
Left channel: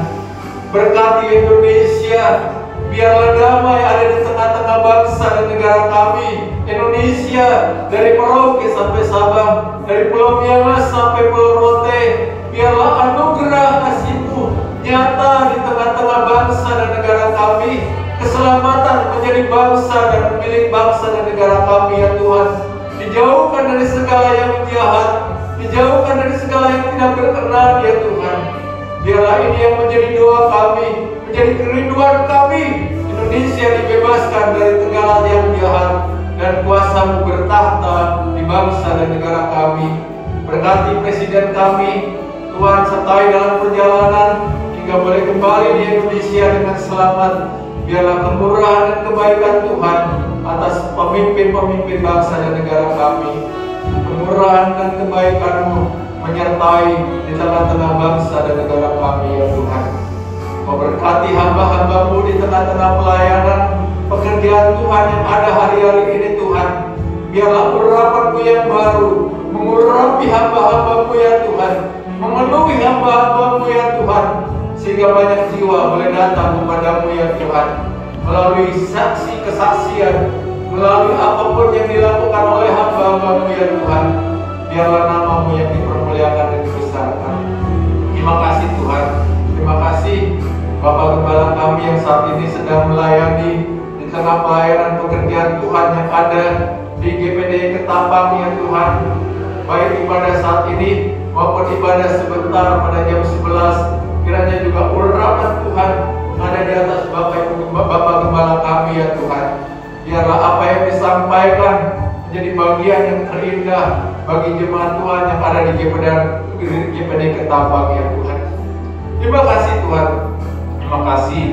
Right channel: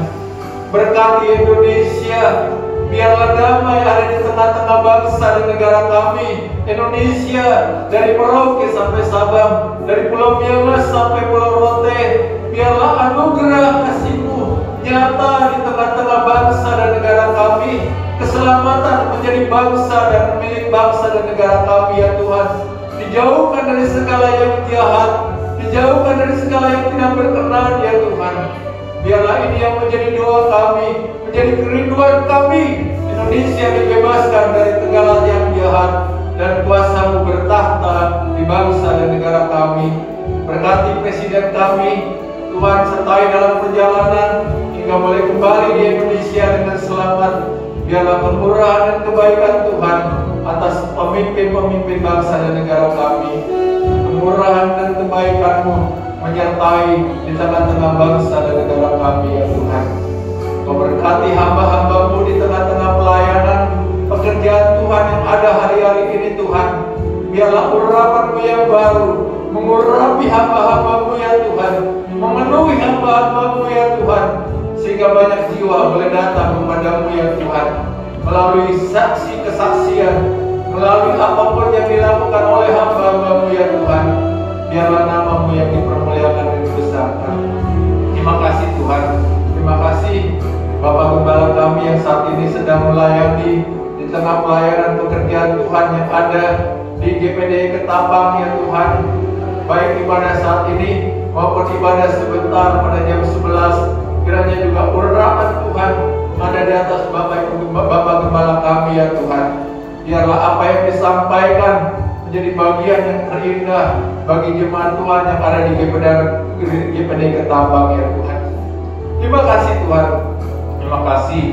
Berkati Indonesia, biarlah damai ada di tengah-tengah bangsa dan negara kami. Indonesia, dari Merauke sampai Sabang, dari Pulau Miangas sampai Pulau Rote, biarlah anugerah kasih-Mu nyata di tengah-tengah bangsa dan negara kami. Keselamatan menjadi bangsa dan milik bangsa dan negara kami ya Tuhan. Dijauhkan dari segala yang jahat, dijauhkan dari segala yang tidak berkenan ya Tuhan. Biarlah ini yang menjadi doa kami, menjadi kerinduan kami. Indonesia dibebaskan dari segala yang jahat dan kuasa-Mu bertahta di bangsa dan negara kami. Berkati presiden kami, Tuhan sertai dalam perjalanan hingga boleh kembali di Indonesia dengan selamat. Biarlah kemurahan dan kebaikan Tuhan atas pemimpin-pemimpin bangsa dan negara kami. Kemurahan dan kebaikan-Mu menyertai di tengah-tengah bangsa dan negara kami ya Tuhan. Kau berkati hamba-hamba-Mu di tengah-tengah pelayanan pekerjaan Tuhan yang ada hari-hari ini Tuhan. Biarlah urapan-Mu yang baru mengurapi hamba-hamba-Mu ya Tuhan, memenuhi hamba-hamba-Mu ya Tuhan, sehingga banyak jiwa boleh datang kepada-Mu ya Tuhan, melalui saksi kesaksian, melalui apapun yang dilakukan oleh hamba-hamba-Mu ya Tuhan. Biarlah nama-Mu yang dipermuliakan dan dibesarkan. Terima kasih Tuhan. Terima kasih Bapak Gembala kami yang saat ini sedang melayani di tengah pelayanan pekerjaan Tuhan yang ada di GPD Ketapang ya Tuhan. Baik ibadah saat ini maupun ibadah sebentar pada jam 11, kiranya juga urapan Tuhan ada di atas Bapak Gembala kami ya Tuhan. Biarlah apa yang disampaikan menjadi bagian yang terindah bagi jemaat Tuhan yang ada di GPD Ketapang ya Tuhan. Terima kasih Tuhan. Terima kasih.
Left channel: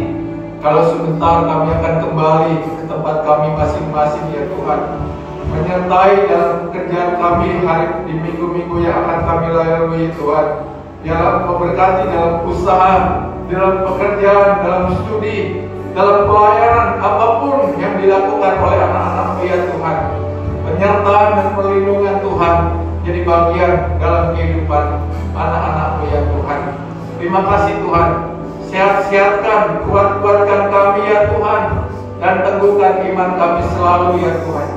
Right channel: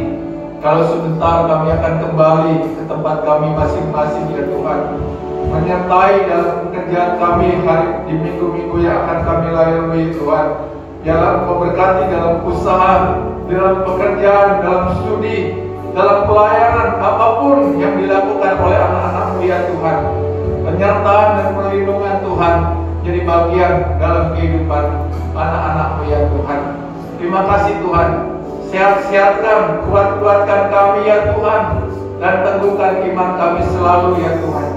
Kalau sebentar kami akan kembali ke tempat kami masing-masing ya Tuhan, menyertai dalam pekerjaan kami di minggu-minggu yang akan kami lalui Tuhan. Biarlah Engkau berkati dalam usaha, dalam pekerjaan, dalam studi, dalam pelayanan apapun yang dilakukan oleh anak-anak-Mu ya Tuhan. Penyertaan dan perlindungan Tuhan jadi bagian dalam kehidupan anak-anak-Mu ya Tuhan. Terima kasih Tuhan. Sehat-sehatkan, kuat-kuatkan kami ya Tuhan, dan teguhkan iman kami selalu ya Tuhan,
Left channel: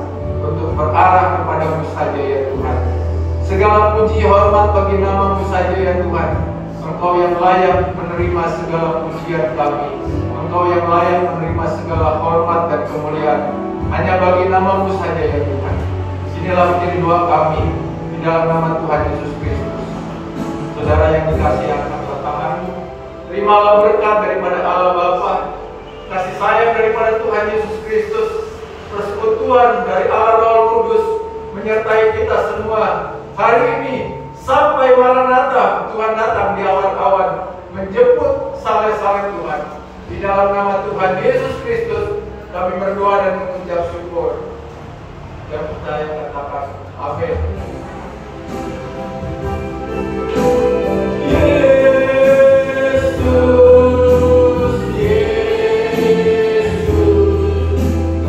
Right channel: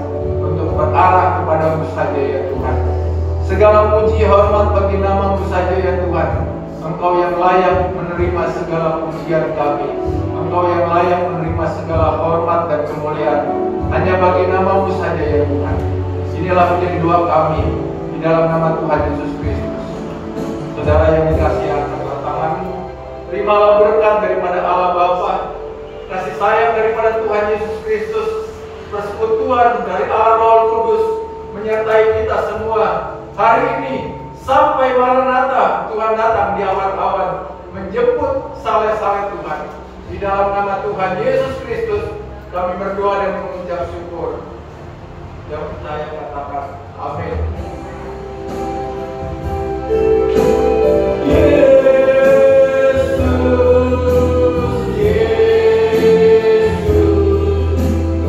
untuk berarah kepada-Mu saja ya Tuhan. Segala puji hormat bagi nama-Mu saja ya Tuhan. Engkau yang layak menerima segala pujian kami, Engkau yang layak menerima segala hormat dan kemuliaan. Hanya bagi nama-Mu saja ya Tuhan. Inilah menjadi doa kami di dalam nama Tuhan Yesus Kristus. Saudara yang dikasihi, angkat tanganmu. Terimalah berkat daripada Allah Bapa, kasih sayang daripada Tuhan Yesus Kristus, persekutuan dari Allah Roh Kudus menyertai kita semua hari ini sampai Maranatha. Tuhan datang di awan-awan menjemput saleh-saleh Tuhan. Di dalam nama Tuhan Yesus Kristus kami berdoa dan mengucap syukur. Yang percaya katakan amin. Yesus,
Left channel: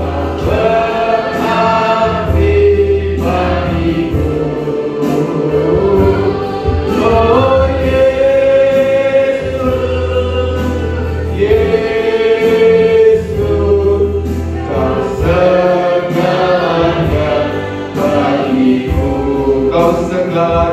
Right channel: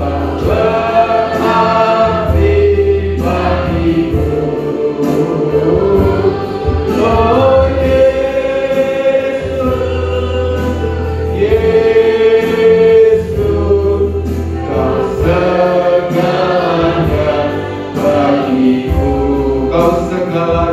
Kau berarti bagiku. kau segala